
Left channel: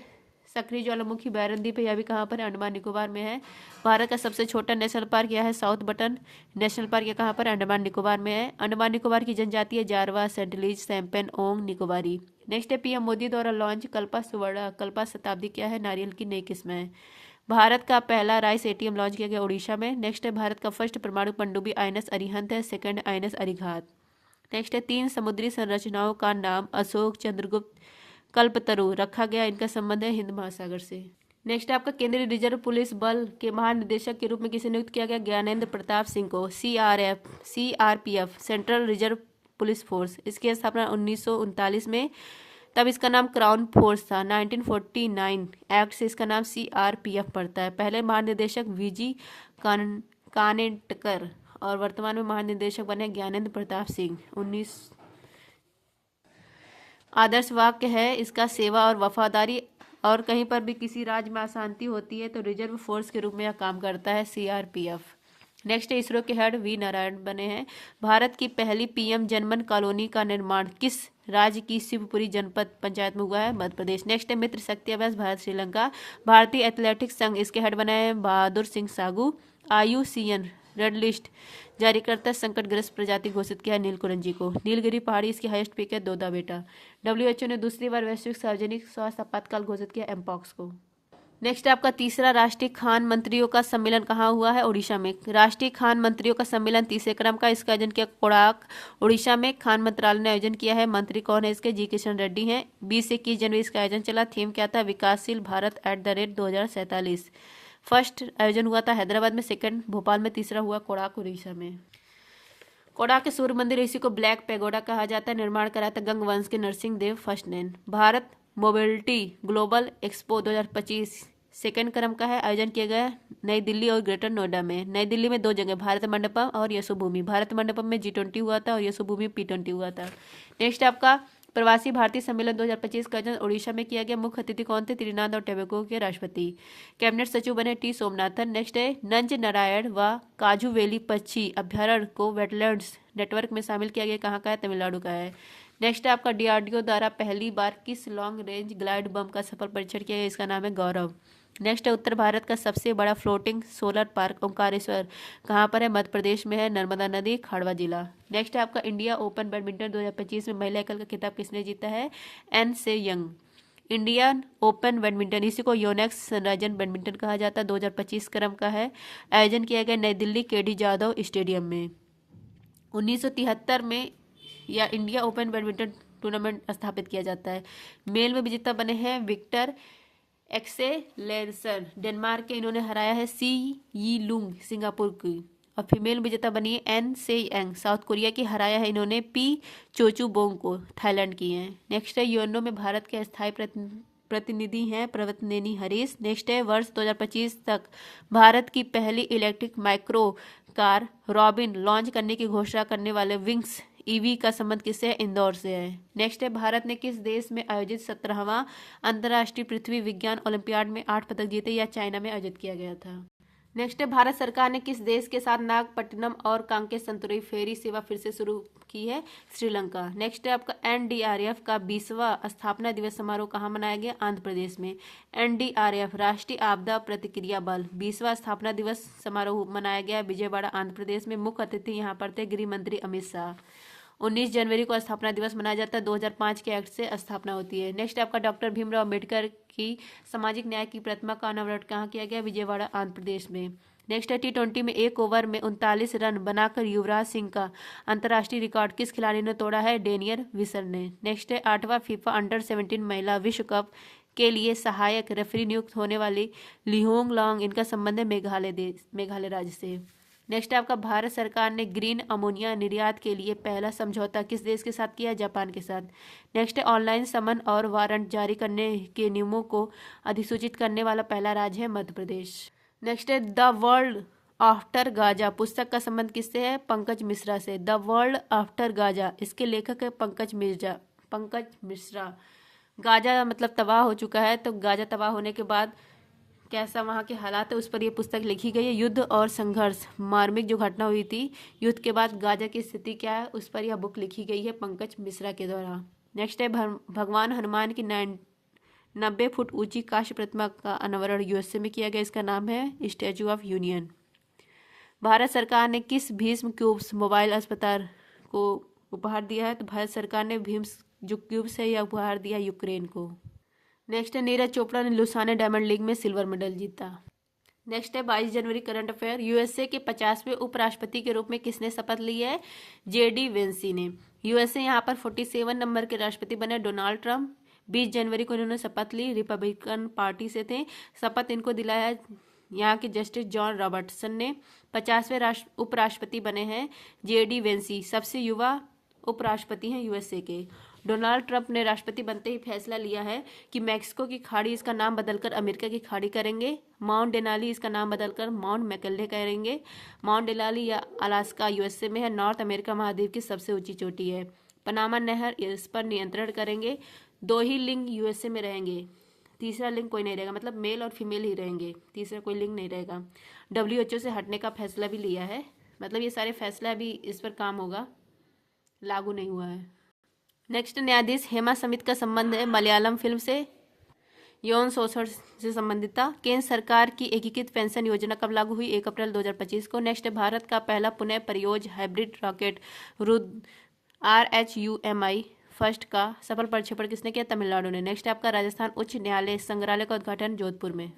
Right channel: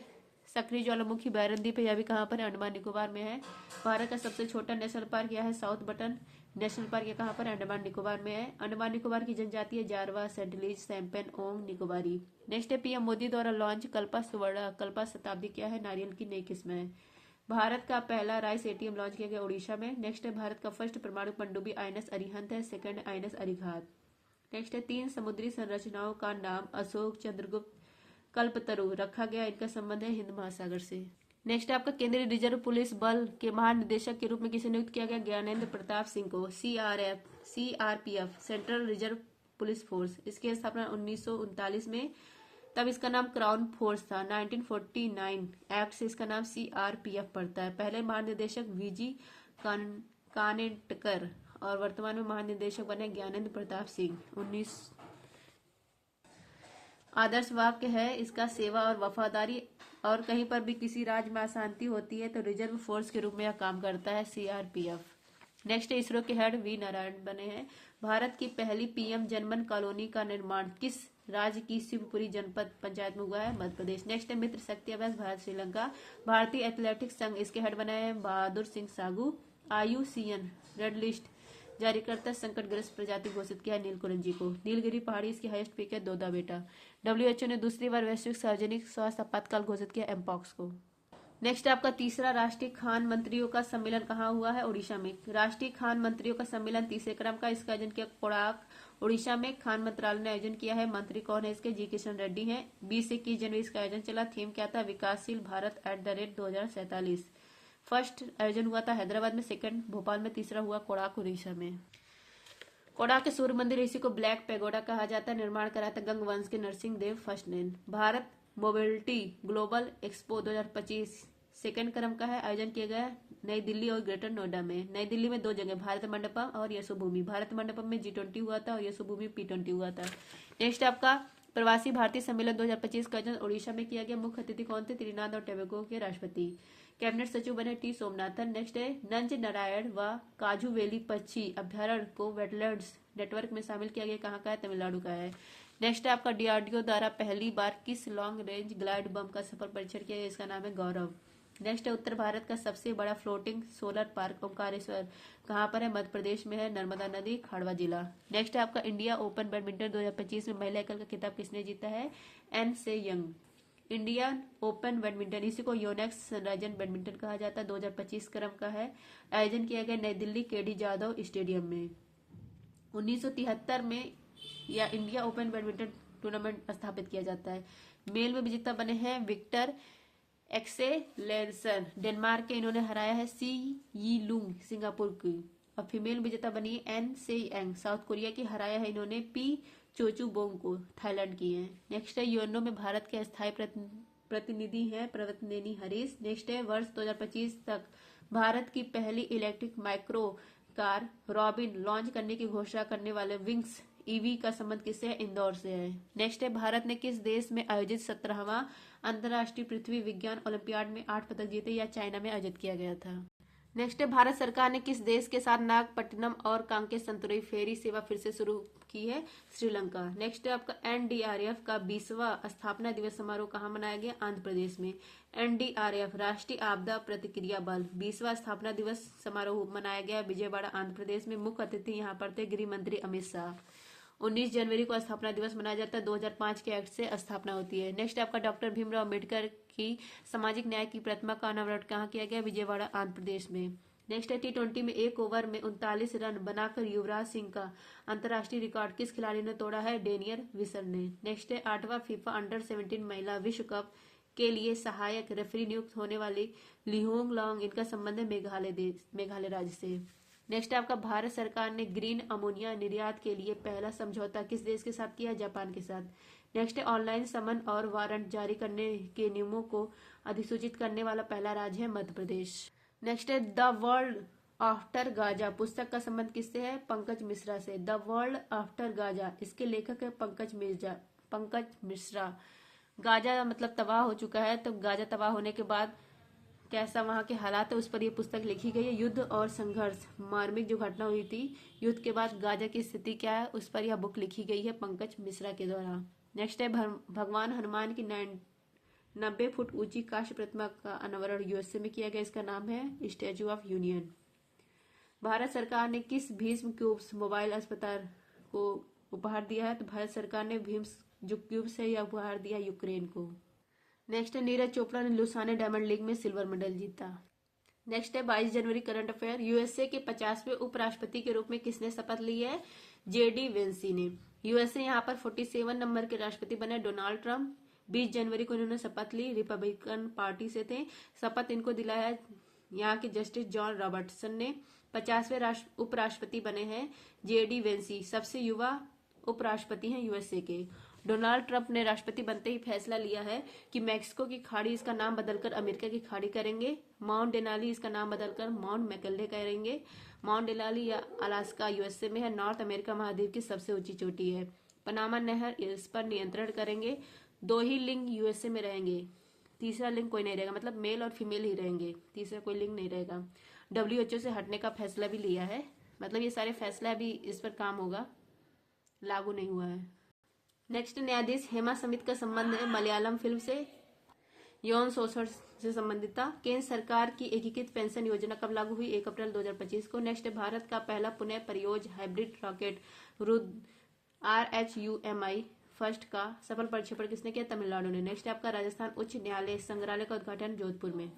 सक्रिय ज्वालामुखी बैरन द्वीप है, यह भी कहाँ पर है? अंडमान निकोबार में है। भारत का सबसे छोटा नेशनल पार्क यह है साउथ बटन नेशनल पार्क, यह कहाँ पर? अंडमान निकोबार में है। अंडमान निकोबार की जनजाति है जारवा, सेंटलीज, सैम्पन, ओंग निकोबारी। नेक्स्ट है पीएम मोदी द्वारा लॉन्च कल्पा सुवर्णा कल्पा शताब्दी क्या है? नारियल की नई किस्म है। भारत का पहला राइस एटीएम लॉन्च किया गया उड़ीसा में। नेक्स्ट है भारत का फर्स्ट परमाणु पनडुब्बी आईएनएस अरिहंत है, सेकंड आईएनएस अरिघात। नेक्स्ट है 3 समुद्री संरचनाओं का नाम अशोक, चंद्रगुप्त, कल्पतरु रखा गया, इनका संबंध है हिंद महासागर से। नेक्स्ट आपका केंद्रीय रिजर्व पुलिस बल के महानिदेशक के रूप में किसे नियुक्त किया गया? ज्ञानेंद्र प्रताप सिंह को। CRPF central reserve police force, इसकी स्थापना 1939 में, तब इसका नाम क्राउन फोर्स था। 1949 एक्ट से इसका नाम सीआरपीएफ पड़ता है। पहले महानिदेशक वीजी कानेटकर और वर्तमान में महानिदेशक बने ज्ञानेंद्र प्रताप सिंह। 19 आदर्श वाक्य है इसका सेवा और वफादारी, और कहीं पर भी किसी राज्य में अशांति होती है तो रिजर्व फोर्स के रूप में यह काम करता है सीआरपीएफ। नेक्स्ट है इसरो के हेड वी नारायण बने हैं। भारत की पहली पीएम जनमन कॉलोनी का निर्माण किस राज्य की शिवपुरी जनपद पंचायत में हुआ है? मध्य प्रदेश। नेक्स्ट है मित्र शक्ति अभ्यास भारत श्रीलंका। भारतीय एथलेटिक्स संघ, इसके हेड बने हैं Bahadur Singh सागू। IUCN red list जारी करता है संकटग्रस्त प्रजाति घोषित किया है नीलकुरंजी को। नीलगिरी पहाड़ी इसकी हाईएस्ट पीक है दोदा बेटा। WHO ने दूसरी बार वैश्विक सार्वजनिक स्वास्थ्य आपातकाल घोषित किया एमपॉक्स को। नेक्स्ट आपका तीसरा राष्ट्रीय खान मंत्रियों का सम्मेलन कहाँ हुआ है? उड़ीसा में। राष्ट्रीय खान मंत्रियों का सम्मेलन तीसरे क्रम का, इसका आयोजन किया कोणार्क उड़ीसा में। खान मंत्रालय ने आयोजन किया है। मंत्री कौन है इसके? जी किशन रेड्डी हैं। 20 से 21 जनवरी इसका आयोजन चला। थीम क्या था? विकासशील भारत @2047। फर्स्ट आयोजन हुआ था हैदराबाद में, सेकंड भोपाल में, तीसरा हुआ कोणार्क उड़ीसा में। कोणार्क के सूर्य मंदिर, इसी को ब्लैक पैगोडा कहा जाता है, निर्माण करा था गंग वंश के नरसिंह देव फर्स्ट ने। Bharat mobility global expo 2025 second क्रम का है, आयोजन किया गया नई दिल्ली और ग्रेटर नोएडा में। नई दिल्ली में 2 जगह, भारत मंडपम और यशोभूमि। भारत मंडपम में G20 हुआ था और यशोभूमि P20 हुआ था। नेक्स्ट आपका प्रवासी भारतीय सम्मेलन 2025 का आयोजन उड़ीसा में किया गया। मुख्य अतिथि कौन थे? त्रिनाद और टोबैगो के राष्ट्रपति। कैबिनेट सचिव बने T सोमनाथन। नेक्स्ट है नंज नारायण व काजू वैली पक्षी अभ्यारण्य को वेटलैंड्स नेटवर्क में शामिल किया गया, कहाँ का है? तमिलनाडु का है। नेक्स्ट आपका DRDO द्वारा पहली बार किस लॉन्ग रेंज ग्लाइड बम का सफल परीक्षण किया गया, इसका नाम है गौरव। नेक्स्ट है उत्तर भारत का सबसे बड़ा फ्लोटिंग सोलर पार्क ओंकारेश्वर, कहाँ पर है? मध्य प्रदेश में है, नर्मदा नदी, खाड़वा जिला। नेक्स्ट है आपका इंडिया ओपन बैडमिंटन 2025 में महिला एकल का खिताब किसने जीता है? एन से यंग। इंडियन ओपन बैडमिंटन, इसी को योनेक्स सनराइजन बैडमिंटन कहा जाता है, 2025 क्रम का है, आयोजन किया गया नई दिल्ली KD जाधव स्टेडियम में। 1973 में या इंडिया ओपन बैडमिंटन टूर्नामेंट स्थापित किया जाता है। मेल में विजेता बने हैं विक्टर एक्सेलेरसन डेनमार्क के, इन्होंने हराया है सी यी लुंग सिंगापुर की। और फीमेल विजेता बनी है एन से एंग साउथ कोरिया की, हराया है इन्होंने पी चोचू बोंग को, थाईलैंड की हैं। नेक्स्ट है यूएनओ में भारत के स्थायी प्रतिनिधि हैं प्रवतनेनी हरीश। नेक्स्ट है वर्ष 2025 तक भारत की पहली electric micro car robin launch करने की घोषणा करने वाले विंग्स EV का संबंध किससे है? इंदौर से है। नेक्स्ट है भारत ने किस देश में आयोजित 17वां अंतर्राष्ट्रीय पृथ्वी विज्ञान ओलंपियाड में 8 पदक जीते, या चाइना में आयोजित किया गया था। नेक्स्ट है भारत सरकार ने किस देश के साथ नागपट्टनम और कांके संतुरी फेरी सेवा फिर से शुरू की है? श्रीलंका। नेक्स्ट है आपका NDRF का 20वां स्थापना दिवस समारोह कहाँ मनाया गया? आंध्र प्रदेश में। NDRF राष्ट्रीय आपदा प्रतिक्रिया बल 20वां स्थापना दिवस समारोह मनाया गया विजयवाड़ा आंध्र प्रदेश में। मुख्य अतिथि यहाँ पर थे गृह मंत्री अमित शाह। 19 जनवरी को स्थापना दिवस मनाया जाता है, 2005 के एक्ट से स्थापना होती है। नेक्स्ट आपका डॉक्टर भीमराव अम्बेडकर की सामाजिक न्याय की प्रतिमा का अनावरण कहाँ किया गया? विजयवाड़ा आंध्र प्रदेश में। नेक्स्ट है T20 में 1 ओवर में 39 रन बनाकर युवराज सिंह का अंतर्राष्ट्रीय रिकॉर्ड किस खिलाड़ी ने तोड़ा है? डेनियल विसर ने। नेक्स्ट है 8वां फीफा अंडर-17 महिला विश्व कप के लिए सहायक रेफरी नियुक्त होने वाली लिहोंग लॉन्ग, इनका संबंध है मेघालय राज्य से। नेक्स्ट आपका भारत सरकार ने ग्रीन अमोनिया निर्यात के लिए पहला समझौता किस देश के साथ किया? जापान के साथ। नेक्स्ट है ऑनलाइन समन और वारंट जारी करने के नियमों को अधिसूचित करने वाला पहला राज्य है मध्य प्रदेश। नेक्स्ट है द वर्ल्ड आफ्टर गाजा पुस्तक का संबंध किससे है? पंकज मिश्रा से। द वर्ल्ड आफ्टर गाजा, इसके लेखक है पंकज मिश्रा। गाजा मतलब तबाह हो चुका है, तो गाजा तबाह होने के बाद कैसा वहाँ के हालात है उस पर यह पुस्तक लिखी गई है। युद्ध और संघर्ष, मार्मिक जो घटना हुई थी युद्ध के बाद गाजा की स्थिति क्या है उस पर यह बुक लिखी गई है पंकज मिश्रा के द्वारा। नेक्स्ट है भगवान हनुमान की 90 फुट ऊंची कांस्य प्रतिमा का अनावरण यूएसए में किया गया, इसका नाम है स्टैचू ऑफ यूनियन। भारत सरकार ने किस भीष्म क्यूब्स मोबाइल अस्पताल को उपहार दिया है? तो भारत सरकार ने भीम्स जो क्यूब्स है यह उपहार दिया यूक्रेन को। नेक्स्ट है नीरज चोपड़ा ने लुसाने डायमंड लीग में सिल्वर मेडल जीता। नेक्स्ट है 22 जनवरी करंट अफेयर। यूएसए के 50वें उपराष्ट्रपति के रूप में किसने शपथ ली है? जेडी वेंसी ने। यूएसए यहाँ पर 47 नंबर के राष्ट्रपति बने डोनाल्ड ट्रंप। 20 जनवरी को इन्होंने शपथ ली, रिपब्लिकन पार्टी से थे। शपथ इनको दिलाया यहाँ के जस्टिस जॉन रॉबर्टसन ने। 50वें उपराष्ट्रपति बने हैं जेडी वेंसी, सबसे युवा उपराष्ट्रपति हैं यूएसए के। डोनाल्ड ट्रंप ने राष्ट्रपति बनते ही फैसला लिया है कि मैक्सिको की खाड़ी इसका नाम बदलकर अमेरिका की खाड़ी करेंगे। माउंट डेनाली इसका नाम बदलकर माउंट मैकल्ले करेंगे। माउंट डेनाली या अलास्का यूएसए में है, नॉर्थ अमेरिका महाद्वीप की सबसे ऊंची चोटी है। पनामा नहर इस पर नियंत्रण करेंगे। 2 ही लिंग यूएसए में रहेंगे, तीसरा लिंग कोई नहीं रहेगा, मतलब मेल और फीमेल ही रहेंगे, तीसरा कोई लिंग नहीं रहेगा। WHO से हटने का फैसला भी लिया है, मतलब ये सारे फैसला अभी इस पर काम होगा, लागू नहीं हुआ है। नेक्स्ट, न्यायाधीश हेमा समित का संबंध है मलयालम फिल्म से, यौन शोषण से संबंधित था। केंद्र सरकार की एकीकृत पेंशन योजना कब लागू हुई? 1 अप्रैल 2025 को। नेक्स्ट, भारत का पहला पुनः प्रयोज्य hybrid rocket Rudra RHUMI first का सफल प्रक्षेपण किसने किया? तमिलनाडु ने। नेक्स्ट आपका राजस्थान उच्च न्यायालय संग्रहालय का उद्घाटन जोधपुर में।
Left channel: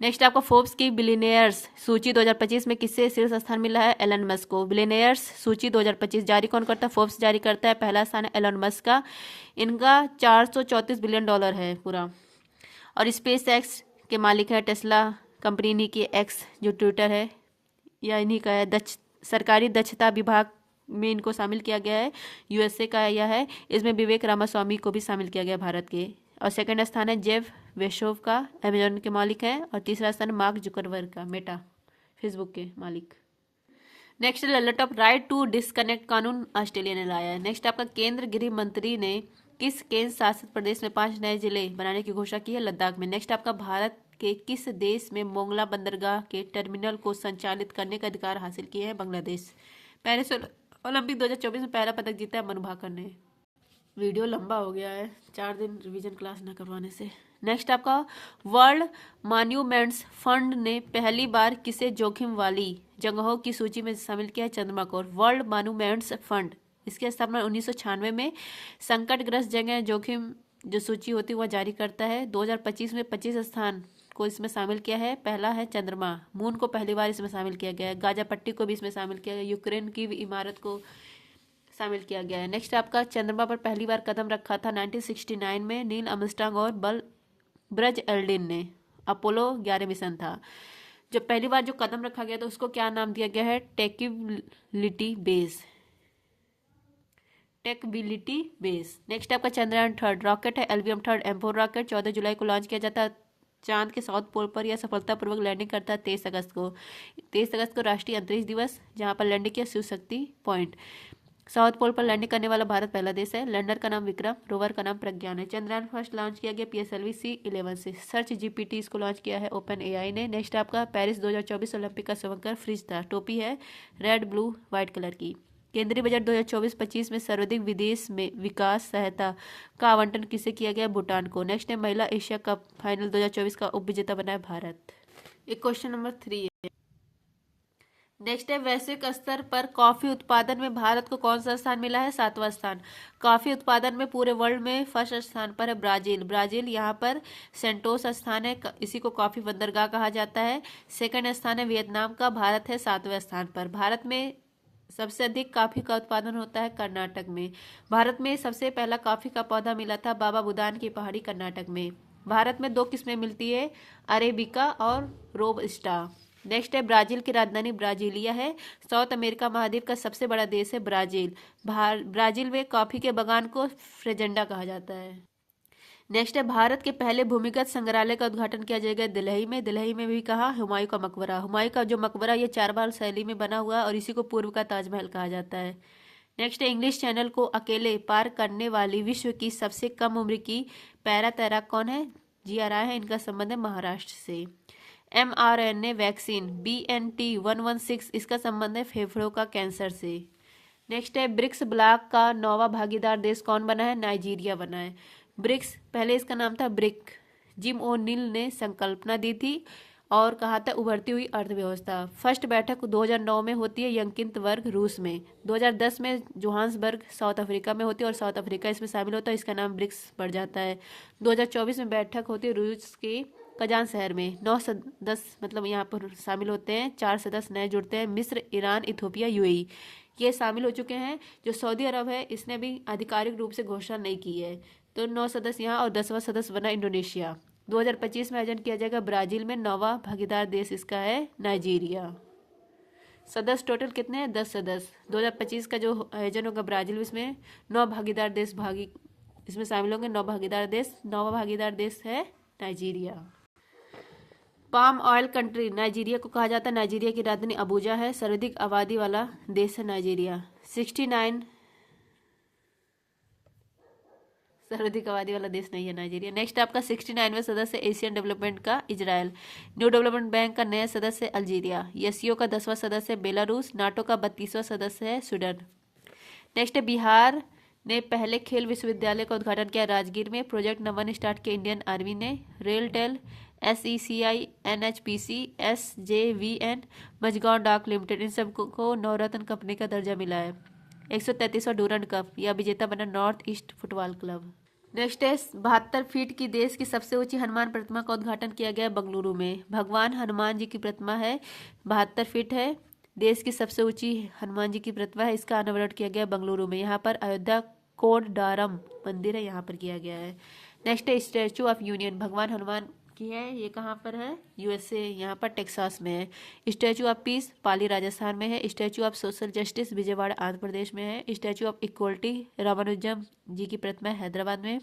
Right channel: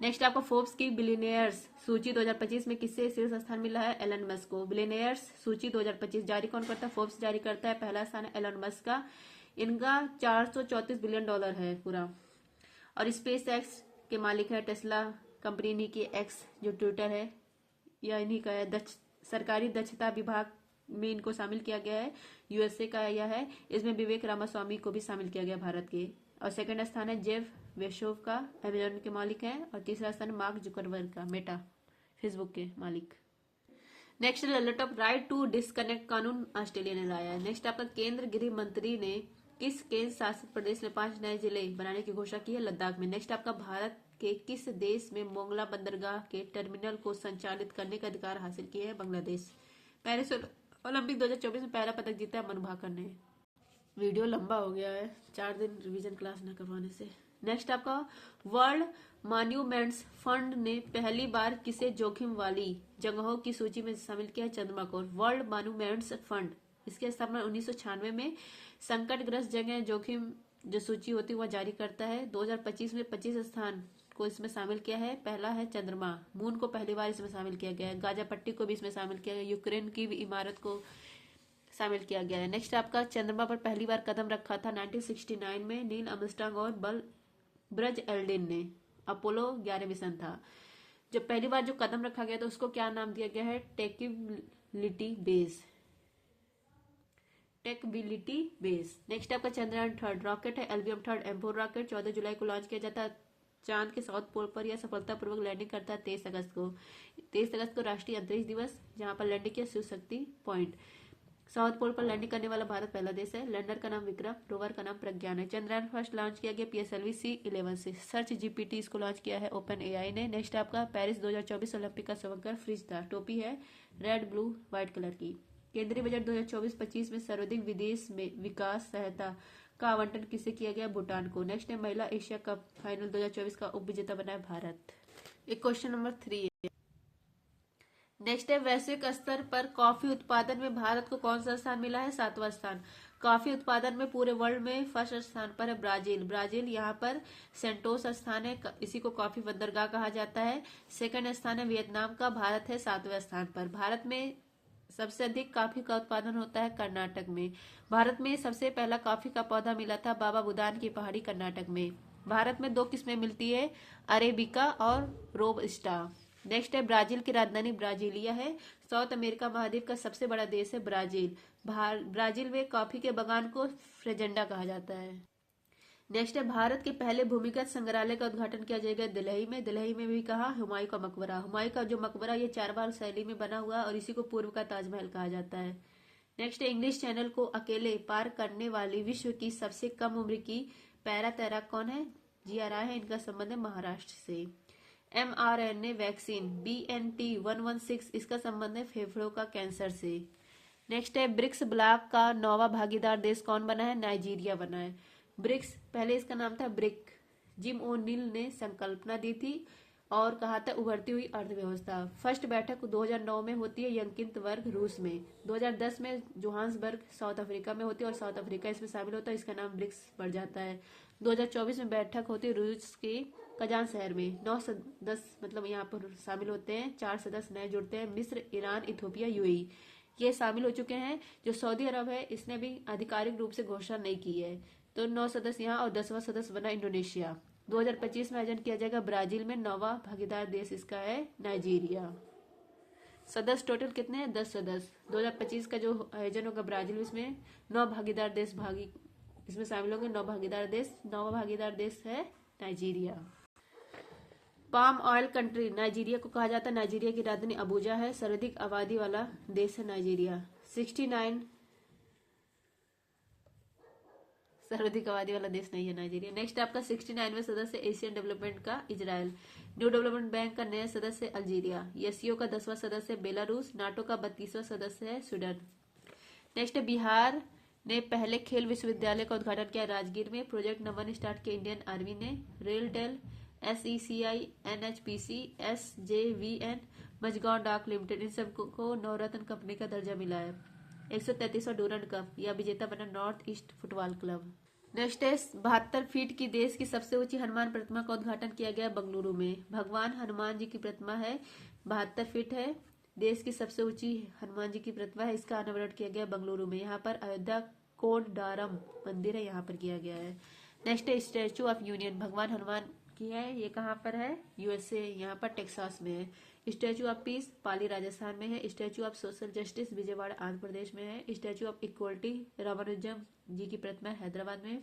नेक्स्ट आपको फोर्ब्स की बिलियनियर्स सूची 2025 में किससे शीर्ष स्थान मिला है? एलन मस्क को। बिलियनियर्स सूची 2025 जारी कौन करता है? फोर्ब्स जारी करता है। पहला स्थान है एलन मस्क का, इनका $434 बिलियन है पूरा। और स्पेस एक्स के मालिक है टेस्ला कंपनी, इन्हीं की एक्स जो ट्विटर है या इन्हीं का है। सरकारी दक्षता विभाग में इनको शामिल किया गया है, यूएसए का यह है। इसमें विवेक रामास्वामी को भी शामिल किया गया भारत के। और सेकंड स्थान है जेफ बेजोस का, अमेजॉन के मालिक हैं। और तीसरा स्थान मार्क जुकरबर्ग का, मेटा फेसबुक के मालिक। Next, laptop right to disconnect कानून ऑस्ट्रेलिया ने लाया है। नेक्स्ट आपका केंद्र गृह मंत्री ने किस केंद्र शासित प्रदेश में 5 नए जिले बनाने की घोषणा की है? लद्दाख में। नेक्स्ट आपका भारत के किस देश में मोंगला बंदरगाह के टर्मिनल को संचालित करने का अधिकार हासिल किया है? बांग्लादेश। पेरिस ओलंपिक 2024 में पहला पदक जीता है मनु भाकर ने। वीडियो लंबा हो गया है 4 दिन रिवीजन क्लास न करवाने से। नेक्स्ट आपका वर्ल्ड मॉन्यूमेंट्स फंड ने पहली बार किसे जोखिम वाली जगहों की सूची में शामिल किया है? चंद्रमा को। वर्ल्ड मॉन्यूमेंट्स फंड इसकी स्थापना 1996 में संकटग्रस्त जगह जोखिम जो सूची होती है वह जारी करता है। 2025 में 25 स्थान को इसमें शामिल किया है। पहला है चंद्रमा, मून को पहली बार इसमें शामिल किया गया है। गाजा पट्टी को भी इसमें शामिल किया गया, यूक्रेन की इमारत को शामिल किया गया है। नेक्स्ट आपका चंद्रमा पर पहली बार कदम रखा था 1969 में नील आर्मस्ट्रांग और ब्रज एल्ड्रिन ने। अपोलो 11 मिशन था। जब पहली बार जो कदम रखा गया तो उसको क्या नाम दिया गया है? टेकबिलिटी बेस। नेक्स्ट आपका चंद्रयान 3 रॉकेट है एल्बियम 3 M4 रॉकेट 14 जुलाई को लॉन्च किया जाता है। चांद के साउथ पोल पर यह सफलतापूर्वक लैंडिंग करता है 23 अगस्त को। 23 अगस्त को राष्ट्रीय अंतरिक्ष दिवस, जहां पर लैंडिंग किया Shiv Shakti point. South pole पर लैंडिंग करने वाला भारत पहला देश है। लैंडर का नाम विक्रम, रोवर का नाम प्रज्ञान है। चंद्रयान फर्स्ट लॉन्च किया गया PSLV C11 से। सर्च GPT इसको लॉन्च किया है ओपन AI ने। नेक्स्ट आपका पेरिस 2024 ओलंपिक का समग्र फ्रिज था। टोपी है रेड ब्लू व्हाइट कलर की। केंद्रीय बजट 2024-25 में सर्वाधिक विदेश में विकास सहायता का आवंटन किसे किया गया? भूटान को। नेक्स्ट है महिला एशिया कप फाइनल 2024 का उप विजेता बना है भारत। एक क्वेश्चन नंबर 3 है। नेक्स्ट है वैश्विक स्तर पर कॉफी उत्पादन में भारत को कौन सा स्थान मिला है? 7वां स्थान। कॉफी उत्पादन में पूरे वर्ल्ड में फर्स्ट स्थान पर है ब्राजील यहाँ पर सेंटोस स्थान है, इसी को कॉफी बंदरगाह कहा जाता है। सेकंड स्थान है वियतनाम का, भारत है 7वें स्थान पर। भारत में सबसे अधिक कॉफी का उत्पादन होता है कर्नाटक में। भारत में सबसे पहला कॉफी का पौधा मिला था बाबा बुदान की पहाड़ी कर्नाटक में। भारत में 2 किस्में मिलती है, अरेबिका और रोबस्टा। नेक्स्ट है ब्राजील की राजधानी ब्राजीलिया है। साउथ अमेरिका महाद्वीप का सबसे बड़ा देश है ब्राजील। ब्राजील में कॉफी के बगान को फ्रेजेंडा कहा जाता है। नेक्स्ट है भारत के पहले भूमिगत संग्रहालय का उद्घाटन किया जाएगा दिल्ली में भी कहा हुमायूं का मकबरा। हुमायूं का जो मकबरा ये 4 बार शैली में बना हुआ है और इसी को पूर्व का ताजमहल कहा जाता है। नेक्स्ट है इंग्लिश चैनल को अकेले पार करने वाली विश्व की सबसे कम उम्र की पैरा तैराक कौन है? जिया राय है, इनका संबंध है महाराष्ट्र से। mRNA वैक्सीन BNT116 इसका संबंध है फेफड़ों का कैंसर से। नेक्स्ट है ब्रिक्स ब्लॉक का 9वां भागीदार देश कौन बना है? नाइजीरिया बना है। ब्रिक्स, पहले इसका नाम था ब्रिक। जिम ओ'नील ने संकल्पना दी थी और कहा था उभरती हुई अर्थव्यवस्था। फर्स्ट बैठक 2009 में होती है यंकिंतवर्ग रूस में। 2010 में जोहान्सबर्ग साउथ अफ्रीका में होती है और साउथ अफ्रीका इसमें शामिल होता है, इसका नाम ब्रिक्स पड़ जाता है। 2024 में बैठक होती है रूस के कजान शहर में। 9 सदस्य मतलब यहाँ पर शामिल होते हैं, 4 सदस्य नए जुड़ते हैं, मिस्र, ईरान, इथोपिया, यूएई ये शामिल हो चुके हैं। जो सऊदी अरब है इसने भी आधिकारिक रूप से घोषणा नहीं की है। तो 9 सदस्य यहाँ और 10वां सदस्य बना इंडोनेशिया। 2025 में आयोजन किया जाएगा ब्राजील में। 9वां भागीदार देश इसका है नाइजीरिया। सदस्य टोटल कितने हैं? 10 सदस्य। 2025 का जो आयोजन होगा ब्राजील में, इसमें 9 भागीदार देश इसमें शामिल होंगे। 9 भागीदार देश। 9वां भागीदार देश है Nigeria. Palm oil country Nigeria को कहा जाता है। नाइजीरिया की राजधानी अबूजा है। सर्वाधिक आबादी वाला देश है नाइजीरिया। 69 सर्वाधिक आबादी वाला देश नहीं है नाइजीरिया। नेक्स्ट आपका 69वें सदस्य एशियन डेवलपमेंट का इजराइल। न्यू डेवलपमेंट बैंक का नया सदस्य अल्जीरिया। एससीओ का 10वां सदस्य बेलारूस। नाटो का 32वां सदस्य है स्वीडन। नेक्स्ट है बिहार ने पहले खेल विश्वविद्यालय का उद्घाटन किया राजगीर में। प्रोजेक्ट नंबर 1 स्टार्ट किया इंडियन आर्मी ने। RailTel, SECI, NHPC, SJVN, Majhgaon डाक लिमिटेड इन सबको नवरत्न कंपनी का दर्जा मिला है। 133वां डूरंड कप या विजेता बना north east football club. Next है 72 फीट की देश की सबसे ऊंची हनुमान प्रतिमा का उद्घाटन किया गया बेंगलुरु में। भगवान हनुमान जी की प्रतिमा है, 72 फीट है। देश की सबसे ऊंची हनुमान जी की प्रतिमा है। इसका अनावरण किया गया बेंगलुरु में। यहाँ पर अयोध्या कोडडारम मंदिर है, यहाँ पर किया गया है। नेक्स्ट है स्टैचू ऑफ यूनियन, भगवान हनुमान की है। ये कहाँ पर है? USA, यहाँ पर टेक्सास में है। Statue of peace Pali Rajasthan में है। Statue of social justice Vijayawada Andhra Pradesh में है। Statue of equality Ramanujam ji की प्रतिमा हैदराबाद में।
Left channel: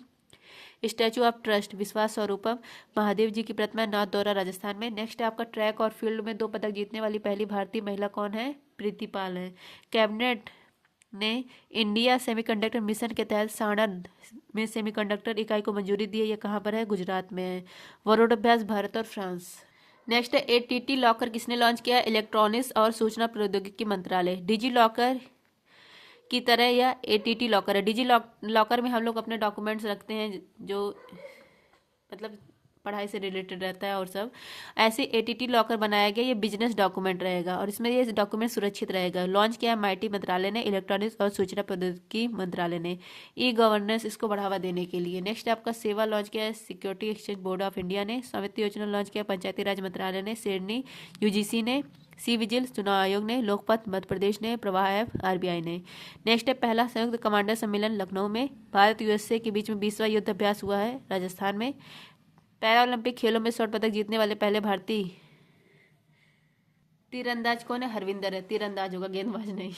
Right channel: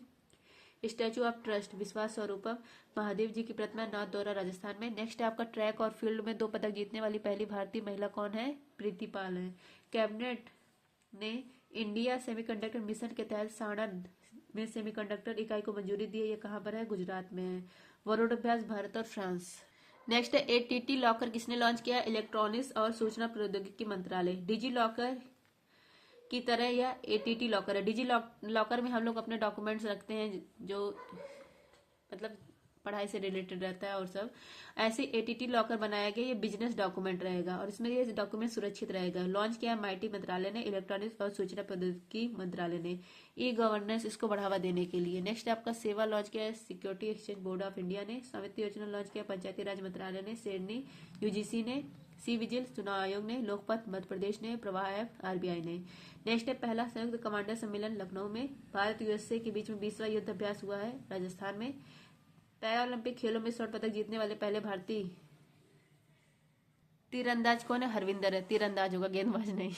स्टैचू ऑफ ट्रस्ट विश्वास स्वरूपम महादेव जी की प्रतिमा नाथद्वारा राजस्थान में। नेक्स्ट आपका ट्रैक और फील्ड में 2 पदक जीतने वाली पहली भारतीय महिला कौन है? प्रीति पाल है। कैबिनेट ने इंडिया सेमीकंडक्टर मिशन के तहत साणंद में सेमीकंडक्टर इकाई को मंजूरी दी है। ये कहाँ पर है? गुजरात में है। वरोडाभ्यास भारत और फ्रांस। नेक्स्ट है ATT लॉकर किसने लॉन्च किया? इलेक्ट्रॉनिक्स और सूचना प्रौद्योगिकी मंत्रालय। डिजी लॉकर की तरह यह ATT लॉकर है। डिजी लॉकर में हम लोग अपने डॉक्यूमेंट्स रखते हैं जो मतलब पढ़ाई से रिलेटेड रहता है और सब। ऐसे ATT लॉकर बनाया गया, ये बिजनेस डॉक्यूमेंट रहेगा और इसमें ये डॉक्यूमेंट सुरक्षित रहेगा। लॉन्च किया MIT मंत्रालय ने, इलेक्ट्रॉनिक्स और सूचना प्रौद्योगिकी मंत्रालय ने ई गवर्नेंस इसको बढ़ावा देने के लिए। नेक्स्ट आपका सेवा लॉन्च किया security exchange board of India ने। स्वामित्व योजना लॉन्च किया पंचायती राज मंत्रालय ने, शेरनी UGC ने, सी विजिल चुनाव आयोग ने, लोकपथ मध्य प्रदेश ने, प्रवाह ऐप RBI ने। नेक्स्ट है पहला संयुक्त कमांडर सम्मेलन लखनऊ में। भारत USA के बीच में 20वां युद्ध अभ्यास हुआ है राजस्थान में। पैरालंपिक खेलों में स्वर्ण पदक जीतने वाले पहले भारतीय तीरंदाज कौन है? हरविंदर है। तीरंदाज होगा, गेंदबाज नहीं,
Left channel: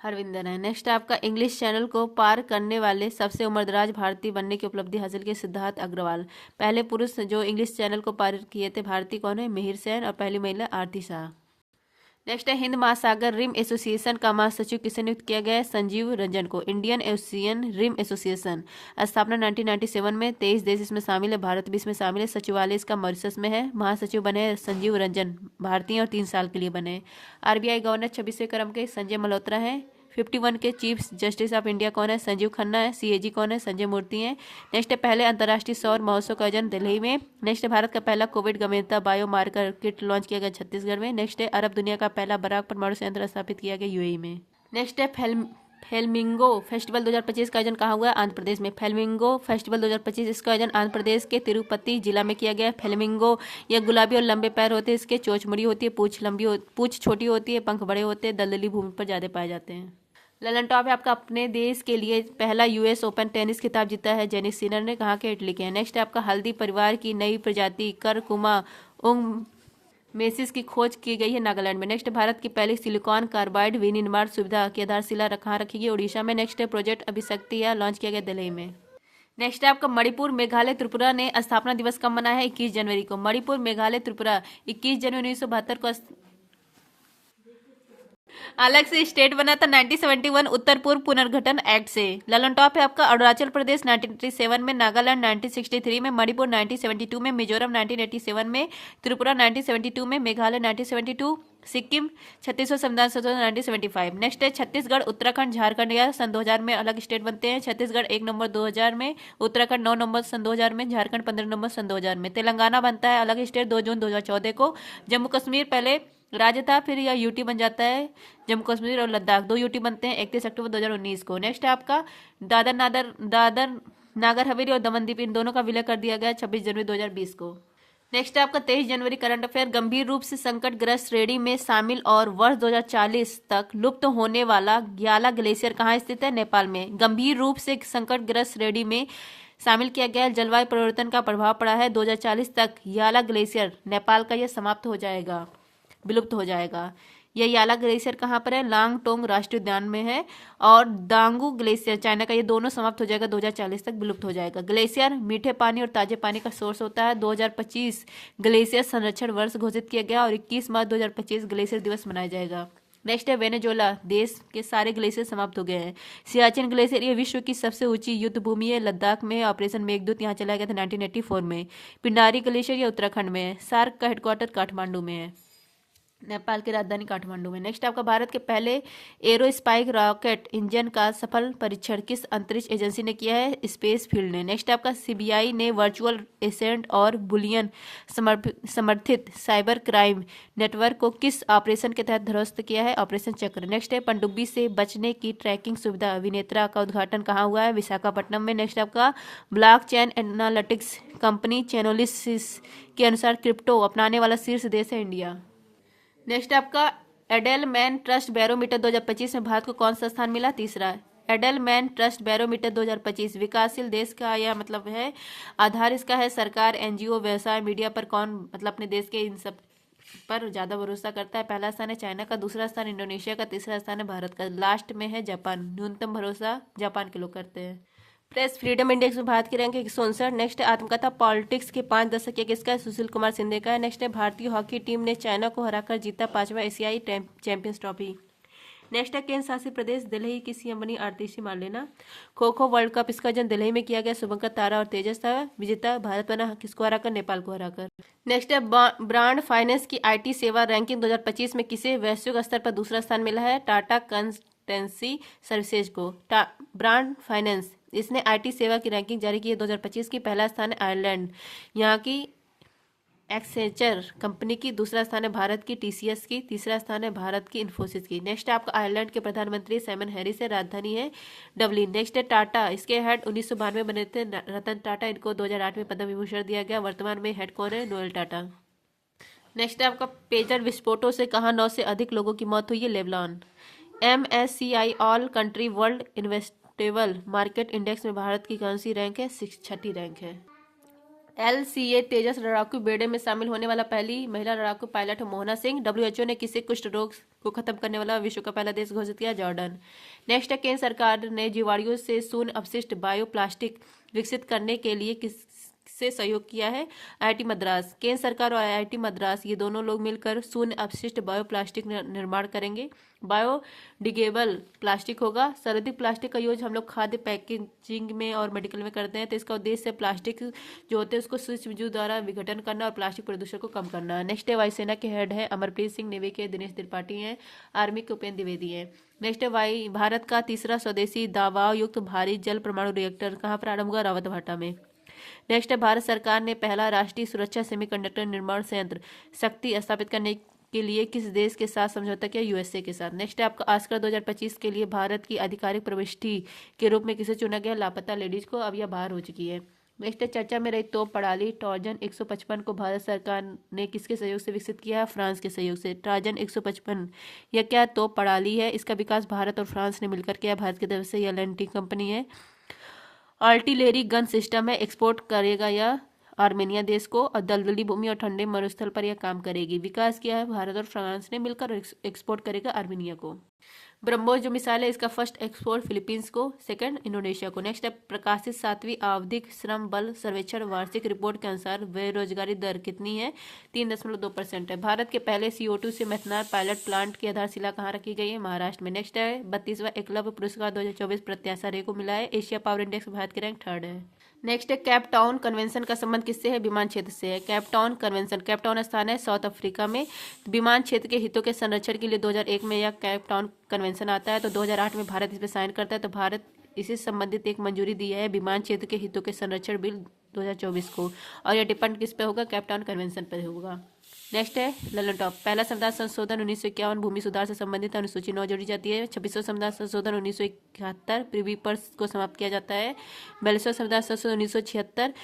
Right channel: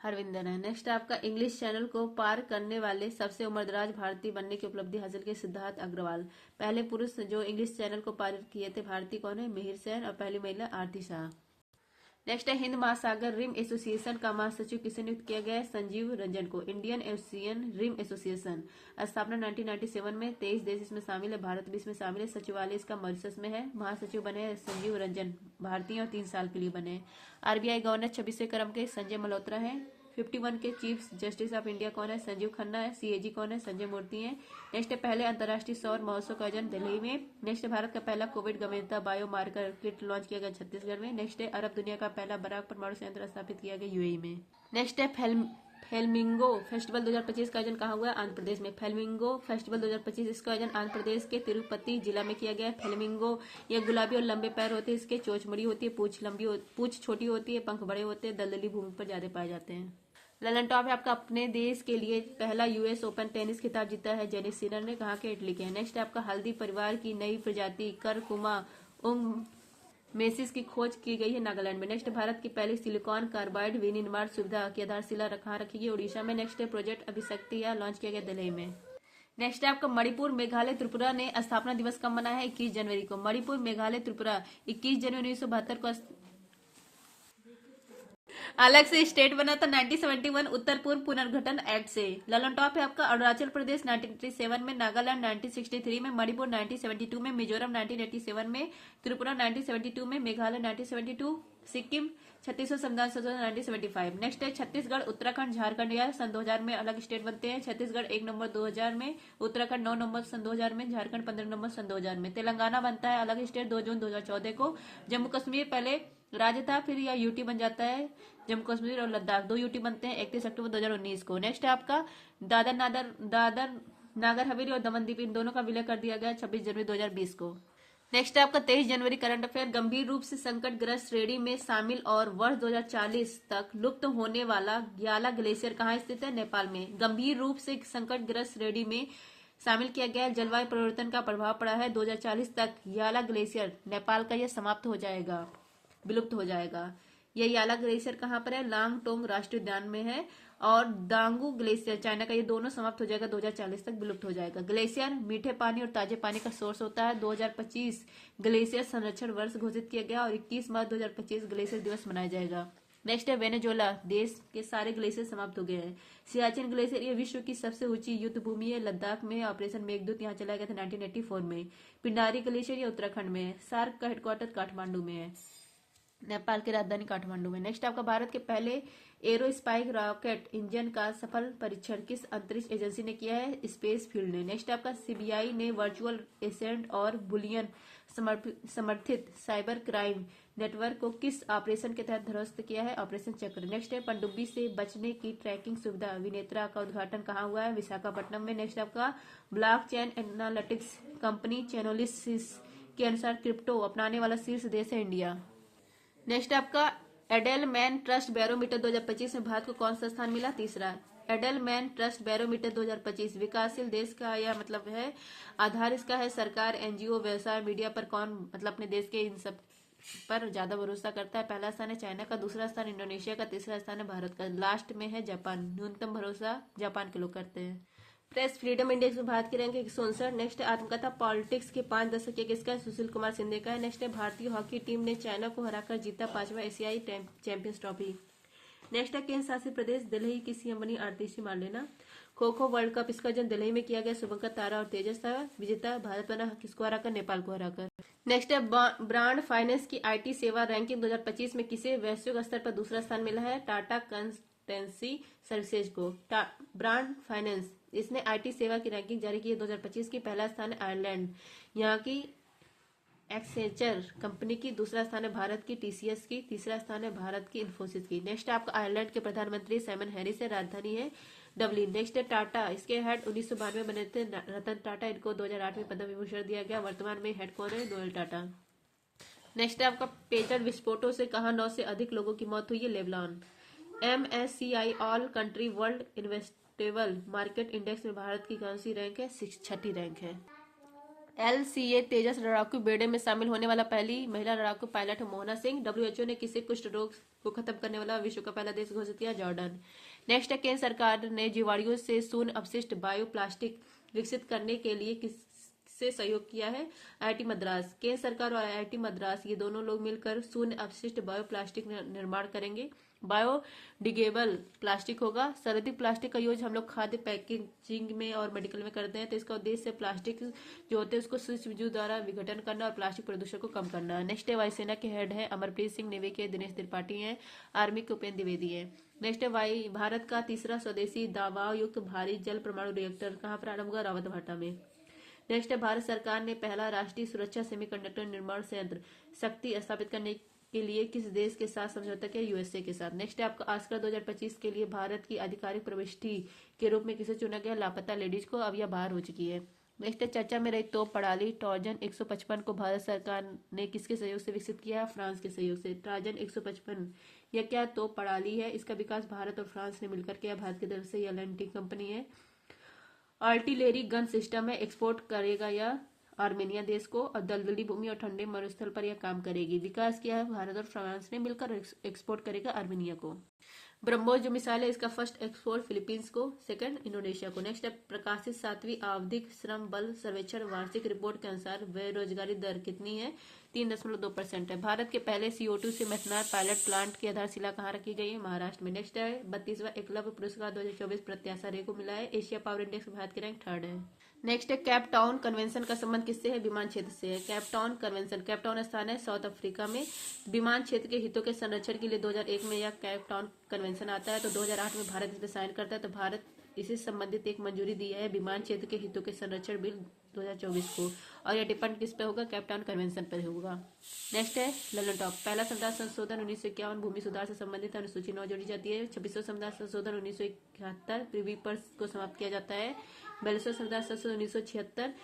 हरविंदर है। नेक्स्ट आपका इंग्लिश चैनल को पार करने वाले सबसे उम्रदराज भारतीय बनने की उपलब्धि हासिल की सिद्धार्थ अग्रवाल। पहले पुरुष जो इंग्लिश चैनल को पार किए थे भारतीय कौन है? मिहिर सेन। और पहली महिला आरती शाह। नेक्स्ट है हिंद महासागर रिम एसोसिएशन का महासचिव किसे नियुक्त किया गया है? संजीव रंजन को। इंडियन ओशियन रिम एसोसिएशन स्थापना 1997 में। 23 देश इसमें शामिल है, भारत भी इसमें शामिल है। सचिवालय इसका मॉरिशस में है। महासचिव बने संजीव रंजन, भारतीय और 3 साल के लिए बने। RBI गवर्नर 26वें क्रम के संजय मल्होत्रा हैं। 51 के चीफ जस्टिस ऑफ इंडिया कौन है? संजीव खन्ना है। CAG कौन है? संजय मूर्ति हैं। नेक्स्ट है पहले अंतर्राष्ट्रीय सौर महोत्सव का आयोजन दिल्ली में। नेक्स्ट है भारत का पहला कोविड गंभीरता बायोमार्कर किट लॉन्च किया गया छत्तीसगढ़ में। नेक्स्ट है अरब दुनिया का पहला बराक परमाणु संयंत्र स्थापित किया गया UAE में। नेक्स्ट है फ्लेमिंगो फेस्टिवल 2025 का आयोजन कहाँ हुआ है? आंध्र प्रदेश में। फ्लेमिंगो फेस्टिवल 2025 इसका आयोजन आंध्र प्रदेश के तिरुपति जिला में किया गया है। फ्लेमिंगो यह गुलाबी और लंबे पैर होते हैं, इसके चोंच मुड़ी होती है, पूंछ छोटी होती है, पंख बड़े होते हैं, दलदली भूमि पर ज्यादा पाए जाते हैं। ललन टॉप है आपका अपने देश के लिए पहला US ओपन टेनिस खिताब जीता है जेनिस सिनर ने। कहाँ के? इटली के। नेक्स्ट है आपका हल्दी परिवार की नई प्रजाति करकुमा उंग मेसिस की खोज की गई है नागालैंड में। नेक्स्ट भारत की पहली सिलिकॉन कार्बाइड विनिर्माण सुविधा की आधारशिला कहाँ रखी गई? उड़ीसा में। नेक्स्ट है प्रोजेक्ट अभिशक्ति या लॉन्च किया गया दिल्ली में। नेक्स्ट है आपका मणिपुर मेघालय त्रिपुरा ने स्थापना दिवस कब मनाया है? 21 जनवरी को। मणिपुर मेघालय त्रिपुरा 21 जनवरी 1972 को अलग से स्टेट बना था 1971 उत्तर पूर्व पुनर्गठन एक्ट से। ललन टॉप है आपका अरुणाचल प्रदेश 1987 में, नागालैंड 1963 में, मणिपुर 1972 में, मिजोरम 1987 में, त्रिपुरा 1972 में, मेघालय 1972, सिक्किम 36वां संविधान संशोधन 1975। नेक्स्ट है छत्तीसगढ़, उत्तराखंड, झारखंड या सन 2000 में अलग स्टेट बनते हैं। छत्तीसगढ़ 1 नंबर 2000 में, उत्तराखंड 9 नंबर सन 2000 में, झारखंड 15 नंबर सन 2000 में। तेलंगाना बनता है अलग स्टेट 2 जून 2014 को। जम्मू कश्मीर पहले राज्य था, फिर यह यूटी बन जाता है। जम्मू कश्मीर और लद्दाख 2 यूटी बनते हैं 31 अक्टूबर 2019 को। नेक्स्ट है आपका दादर नागर हवेली और दमन दीव, इन दोनों का विलय कर दिया गया 26 जनवरी 2020 को। नेक्स्ट है आपका 23 जनवरी करंट अफेयर। गंभीर रूप से संकटग्रस्त श्रेणी में शामिल और वर्ष 2040 तक लुप्त होने वाला ग्याला ग्लेशियर कहाँ स्थित है? नेपाल में। गंभीर रूप से संकटग्रस्त श्रेणी में शामिल किया गया। जलवायु परिवर्तन का प्रभाव पड़ा है। 2040 तक याला ग्लेशियर नेपाल का यह समाप्त हो जाएगा, विलुप्त हो जाएगा। यह याला ग्लेशियर कहाँ पर है? लांगटोंग राष्ट्रीय उद्यान में है। और दांगू ग्लेशियर चाइना का, ये दोनों समाप्त हो जाएगा, 2040 तक विलुप्त हो जाएगा। ग्लेशियर मीठे पानी और ताजे पानी का सोर्स होता है। 2025 ग्लेशियर संरक्षण वर्ष घोषित किया गया और 21 मार्च 2025 ग्लेशियर दिवस मनाया जाएगा। नेक्स्ट है वेनेजुएला, देश के सारे ग्लेशियर समाप्त हो गए हैं। सियाचिन ग्लेशियर, ये विश्व की सबसे ऊंची युद्ध भूमि है, लद्दाख में। ऑपरेशन मेघदूत यहाँ चलाया गया था 1984 में। पिंडारी ग्लेशियर ये उत्तराखंड में है। सार्क का हेडक्वार्टर काठमांडू में है, नेपाल की राजधानी काठमांडू में। नेक्स्ट आपका भारत के पहले एरोस्पाइक रॉकेट इंजन का सफल परीक्षण किस अंतरिक्ष एजेंसी ने किया है? स्पेस फील्ड ने। नेक्स्ट आपका सीबीआई ने वर्चुअल एसेंट और बुलियन समर्थित साइबर क्राइम नेटवर्क को किस ऑपरेशन के तहत ध्वस्त किया है? ऑपरेशन चक्र। नेक्स्ट है पनडुब्बी से बचने की ट्रैकिंग सुविधा विनेत्रा का उद्घाटन कहाँ हुआ है? विशाखापट्टनम में। नेक्स्ट आपका ब्लॉकचेन एनालिटिक्स कंपनी चेनोलिसिस के अनुसार क्रिप्टो अपनाने वाला शीर्ष देश है इंडिया। नेक्स्ट आपका एडेलमैन ट्रस्ट बैरोमीटर 2025 में भारत को कौन सा स्थान मिला? तीसरा। एडेलमैन ट्रस्ट बैरोमीटर 2025 विकासशील देश का यह मतलब है, आधार इसका है सरकार, एनजीओ, व्यवसाय, मीडिया पर कौन मतलब अपने देश के इन सब पर ज्यादा भरोसा करता है? पहला स्थान है चाइना का, दूसरा स्थान इंडोनेशिया का, तीसरा स्थान है भारत का, लास्ट में है जापान। न्यूनतम भरोसा जापान के लोग करते हैं। प्रेस फ्रीडम इंडेक्स में भारत की रैंक 169। नेक्स्ट आत्मकथा पॉलिटिक्स के 5 दशक या किसका है? सुशील कुमार सिंधे का है। नेक्स्ट है भारतीय हॉकी टीम ने चाइना को हराकर जीता 5वां एशियाई चैंपियंस ट्रॉफी। नेक्स्ट है केंद्र शासित प्रदेश दिल्ली की सीएम बनी आरतीसी Marlena. Kho kho world cup इसका आयोजन दिल्ली में किया गया, शुभंकर तारा और तेजस था विजेता। भारत बना किसको हराकर? नेपाल को हराकर। नेक्स्ट है ब्रांड फाइनेंस की आईटी सेवा रैंकिंग 2025 में किसे वैश्विक स्तर पर दूसरा स्थान मिला है? टाटा कंसल्टेंसी सर्विसेज को। ब्रांड फाइनेंस इसने आईटी सेवा की रैंकिंग जारी की है 2025 की। पहला स्थान है आयरलैंड यहाँ की एक्सेंचर कंपनी की, दूसरा स्थान है भारत की टीसीएस की, तीसरा स्थान है भारत की इन्फोसिस की। नेक्स्ट है आपका आयरलैंड के प्रधानमंत्री साइमन हैरिस है, राजधानी है डबलिन। नेक्स्ट है टाटा, इसके हेड 1992 में बने थे रतन टाटा, इनको 2008 में पद्म विभूषण दिया गया। वर्तमान में हेड कौन है? नोएल टाटा। नेक्स्ट है आपका पेजर विस्फोटों से कहाँ 9 से अधिक लोगों की मौत हुई है? Lebanon. MSCI all country world investable market index में भारत की कौन सी रैंक है? 6ठी रैंक है। LCA तेजस लड़ाकू बेड़े में शामिल होने वाला पहली महिला लड़ाकू पायलट है मोहना सिंह। WHO ने किसे कुष्ठ रोग को खत्म करने वाला विश्व का पहला देश घोषित किया? जॉर्डन। नेक्स्ट है केंद्र सरकार ने जीवाणुओं से शून्य अपशिष्ट बायोप्लास्टिक विकसित करने के लिए किससे सहयोग किया है? IIT मद्रास। केंद्र सरकार और IIT मद्रास ये दोनों लोग मिलकर शून्य अपशिष्ट बायोप्लास्टिक निर्माण करेंगे। बायोडिग्रेडेबल प्लास्टिक होगा। सर्वाधिक प्लास्टिक का यूज हम लोग खाद्य पैकेजिंग में और मेडिकल में करते हैं, तो इसका उद्देश्य प्लास्टिक जो होते हैं उसको सूक्ष्मजीव द्वारा विघटन करना और प्लास्टिक प्रदूषण को कम करना। नेक्स्ट है वायुसेना के हेड है अमरप्रीत सिंह, नेवी के दिनेश त्रिपाठी हैं, आर्मी के उपेंद्र द्विवेदी है। नेक्स्ट है भारत का तीसरा स्वदेशी दबाव युक्त भारी जल परमाणु रिएक्टर कहाँ प्रारंभ हुआ? रावतभाटा में। नेक्स्ट है भारत सरकार ने पहला राष्ट्रीय सुरक्षा सेमीकंडक्टर निर्माण संयंत्र शक्ति स्थापित करने के लिए किस देश के साथ समझौता किया? USA के साथ। नेक्स्ट है आपका ऑस्कर 2025 के लिए भारत की आधिकारिक प्रविष्टि के रूप में किसे चुना गया? लापता लेडीज को, अब यह बाहर हो चुकी है। नेक्स्ट है चर्चा में रही तोप प्रणाली ट्रोजन 155 को भारत सरकार ने किसके सहयोग से विकसित किया है? फ्रांस के सहयोग से। ट्रोजन 155 यह क्या तोप प्रणाली है? इसका विकास भारत और फ्रांस ने मिलकर किया। भारत की तरफ से यह लैंटिक कंपनी है। आर्टिलरी गन सिस्टम है, एक्सपोर्ट करेगा यह आर्मेनिया देश को, और दलदली भूमि और ठंडे मरुस्थल पर यह काम करेगी। विकास किया है भारत और फ्रांस ने मिलकर, एक्सपोर्ट करेगा आर्मेनिया को। ब्रह्मोस जो मिसाइल है इसका फर्स्ट एक्सपोर्ट फिलीपींस को, सेकंड इंडोनेशिया को। नेक्स्ट है प्रकाशित 7वीं आवधिक श्रम बल सर्वेक्षण वार्षिक रिपोर्ट के अनुसार बेरोजगारी दर कितनी है? 3.2% है। भारत के पहले CO2 से मेथनॉल पायलट प्लांट की आधारशिला कहाँ रखी गई है? महाराष्ट्र में। नेक्स्ट है 32वां एकलव्य पुरस्कार 2024 प्रत्याशा रे को मिला है। एशिया पावर इंडेक्स में भारत की रैंक 3rd है। नेक्स्ट है केप टाउन कन्वेंशन का संबंध किससे है? विमान क्षेत्र से है। Cape Town convention, Cape Town स्थान है साउथ अफ्रीका में। विमान क्षेत्र के हितों के संरक्षण के लिए 2001 में यह केप टाउन कन्वेंशन आता है। तो 2008 में भारत इस पर साइन करता है। तो भारत इसी संबंधित एक मंजूरी दी है विमान क्षेत्र के हितों के संरक्षण बिल 2024 को, और यह डिपेंड किस पे होगा? केप टाउन कन्वेंशन पर होगा। नेक्स्ट है ललन टॉप, पहला संविधान संशोधन 1951 भूमि सुधार से संबंधित अनुसूची 9 जोड़ी जाती है। 26वां संविधान संशोधन 1971 प्रीवी पर्स को समाप्त किया जाता है। 42वां संविधान संशोधन 1976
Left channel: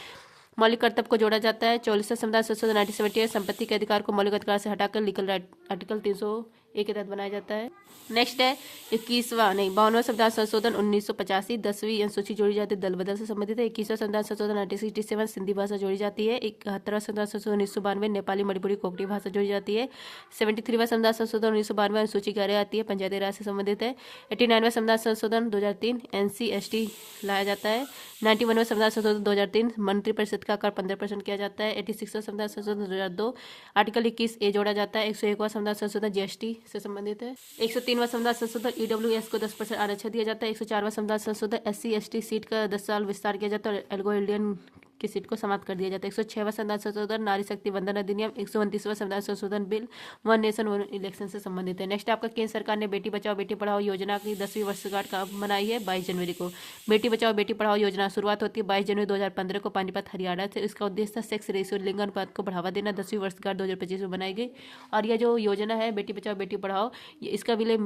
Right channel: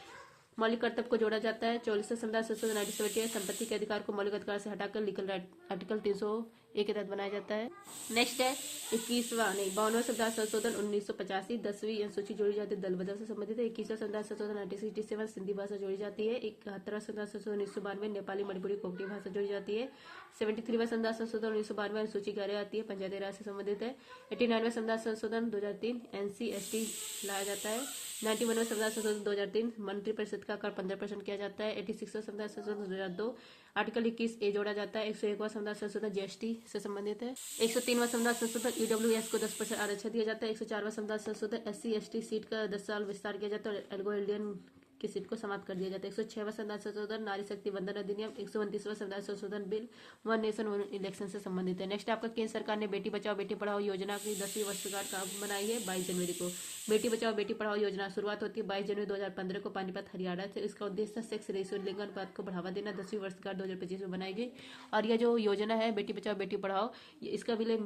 मौलिक कर्तव्य को जोड़ा जाता है। 44वां संविधान संशोधन 1978 संपत्ति के अधिकार को मौलिक अधिकार से हटाकर लीगल राइट आर्टिकल 301 के तहत बनाया जाता है। नेक्स्ट है 52वां संविधान संशोधन 1985 10वीं अनुसूची जोड़ी जाती है, दल बदल से संबंधित है। 21वां संविधान संशोधन 1967 सिंधी भाषा जोड़ी जाती है। 71वां संविधान संशोधन 1992 नेपाली मणिपुरी कोकणी भाषा जोड़ी जाती है। 73वां संविधान संशोधन 1992 अनुसूची 11 आती है, पंचायती राज से संबंधित है। 89वां संविधान संशोधन 2003 NC/ST लाया जाता है। 91वां संविधान संशोधन 2003 मंत्रिपरिषद का आकार 15% किया जाता है। 86वां संविधान संशोधन 2002 आर्टिकल 21A जोड़ा जाता है। 101वां संविधान संशोधन GST से संबंधित है। 103वां संविधान संशोधन EWS को 10% आरक्षण दिया जाता है। 104वां संविधान संशोधन SC/ST सीट का 10 साल विस्तार किया जाता है और एल्गो इंडियन की सीट को समाप्त कर दिया जाता है। 106वां संविधान संशोधन नारी शक्ति वंदन अधिनियम। 129वां संविधान संशोधन bill one nation one election से संबंधित है। नेक्स्ट आपका केंद्र सरकार ने बेटी बचाओ बेटी पढ़ाओ योजना की 10वीं वर्षगांठ का मनाई है 22 जनवरी को। बेटी बचाओ बेटी पढ़ाओ योजना शुरुआत होती है 22 जनवरी 2015 को पानीपत हरियाणा से। इसका उद्देश्य सेक्स रेशियो लिंग अनुपात को बढ़ावा देना 10वीं वर्षगांठ 2025 में बनाई गई। और यह जो योजना है बेटी बचाओ बेटी पढ़ाओ, इसका विलय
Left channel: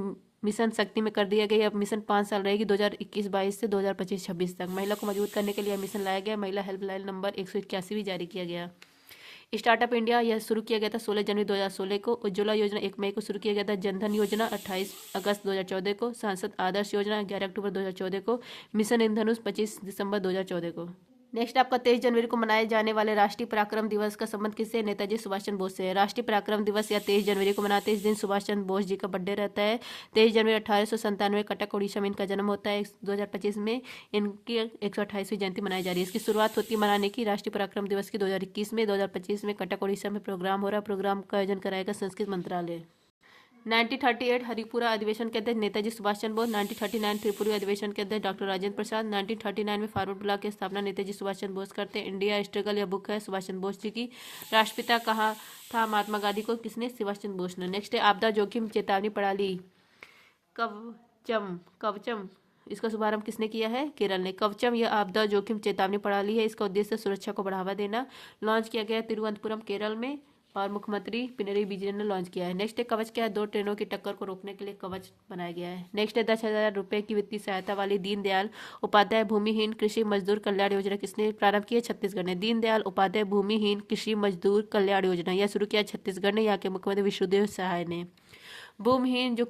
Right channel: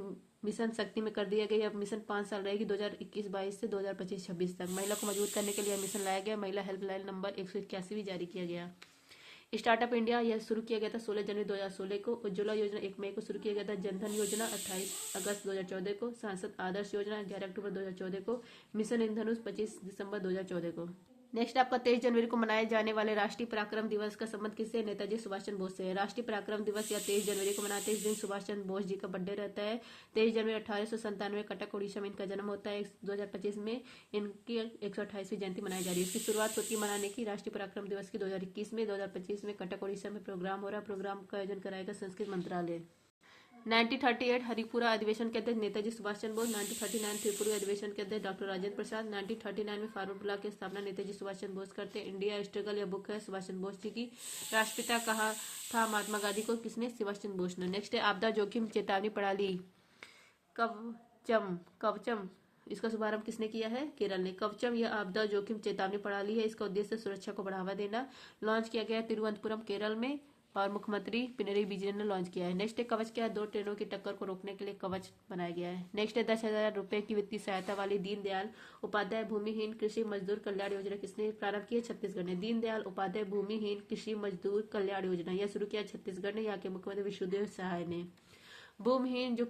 मिशन शक्ति में कर दिया गया। अब मिशन 5 साल रहेगी 2021-22 से 2025-26 तक। महिला को मजबूत करने के लिए मिशन लाया गया। महिला हेल्पलाइन नंबर 181 भी जारी किया गया। स्टार्टअप इंडिया यह शुरू किया गया था 16 जनवरी 2016 को। उज्ज्वला योजना 1 मई को शुरू किया गया था। जनधन योजना 28 अगस्त 2014 को। सांसद आदर्श योजना 11 अक्टूबर 2014 को। मिशन इंद्रधनुष 25 दिसंबर 2014 को। नेक्स्ट आपका 23 जनवरी को मनाए जाने वाले राष्ट्रीय पराक्रम दिवस का संबंध किससे? नेताजी सुभाष चंद्र बोस से है। राष्ट्रीय पराक्रम दिवस या 23 जनवरी को मनाते हैं। इस दिन सुभाष चंद्र बोस जी का बर्थडे रहता है। 23 जनवरी 1897 कटक उड़ीसा में इनका जन्म होता है। 2025 में इनकी 128वीं जयंती मनाई जा रही है। इसकी शुरुआत होती है मनाने की राष्ट्रीय पराक्रम दिवस की 2021 में। 2025 में कटक उड़ीसा में प्रोग्राम हो रहा है। प्रोग्राम का आयोजन कराएगा संस्कृत मंत्रालय। 1938 हरिपुरा अधिवेशन के अध्यक्ष नेताजी सुभाष चंद्र बोस। 1939 त्रिपुरी अधिवेशन के अध्यक्ष डॉक्टर राजेंद्र प्रसाद। 1939 में फॉरवर्ड ब्लॉक की स्थापना नेताजी सुभाष चंद्र बोस करते हैं। इंडिया स्ट्रगल यह बुक है सुभाष चंद्र बोस जी की। राष्ट्रपिता कहा था महात्मा गांधी को किसने? सुभाष चंद्र बोस ने। नेक्स्ट है आपदा जोखिम चेतावनी प्रणाली कवचम इसका शुभारंभ किसने किया है? केरल ने। कवचम यह आपदा जोखिम चेतावनी प्रणाली है। इसका उद्देश्य सुरक्षा को बढ़ावा देना। लॉन्च किया गया तिरुवनंतपुरम केरल में और मुख्यमंत्री पिनरई विजयन ने लॉन्च किया है। नेक्स्ट है कवच क्या है? 2 ट्रेनों की टक्कर को रोकने के लिए कवच बनाया गया है। नेक्स्ट है 10,000 रुपये की वित्तीय सहायता वाली दीनदयाल उपाध्याय भूमिहीन कृषि मजदूर कल्याण योजना किसने प्रारंभ की है? छत्तीसगढ़ ने। दीनदयाल उपाध्याय भूमिहीन कृषि मजदूर कल्याण योजना यह शुरू किया छत्तीसगढ़ ने। यहाँ के मुख्यमंत्री विष्णुदेव सहाय ने। भूमिहीन जो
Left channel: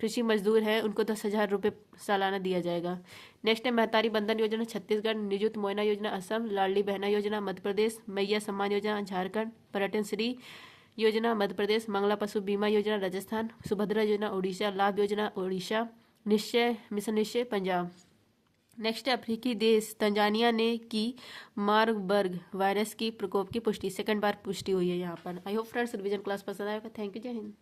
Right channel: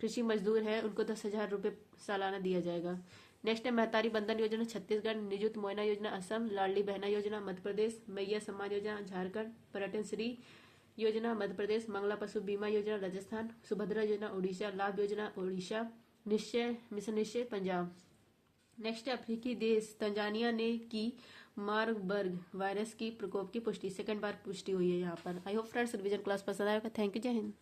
कृषि मजदूर है उनको 10,000 रुपये सालाना दिया जाएगा। नेक्स्ट है महतारी बंधन योजना छत्तीसगढ़। निजुत मोयना योजना असम। लाडली बहना योजना मध्य प्रदेश। मैया सम्मान योजना झारखंड। पर्यटन श्री योजना मध्य प्रदेश। मंगला पशु बीमा योजना राजस्थान। सुभद्रा योजना उड़ीसा। लाभ योजना उड़ीसा। निश्चय मिशन निश्चय पंजाब। नेक्स्ट अफ्रीकी देश तंजानिया ने की मार्बर्ग वायरस की प्रकोप की पुष्टि। 2nd बार पुष्टि हुई है यहाँ पर। I hope friends revision class पसंद आएगा। थैंक यू, जय हिंद।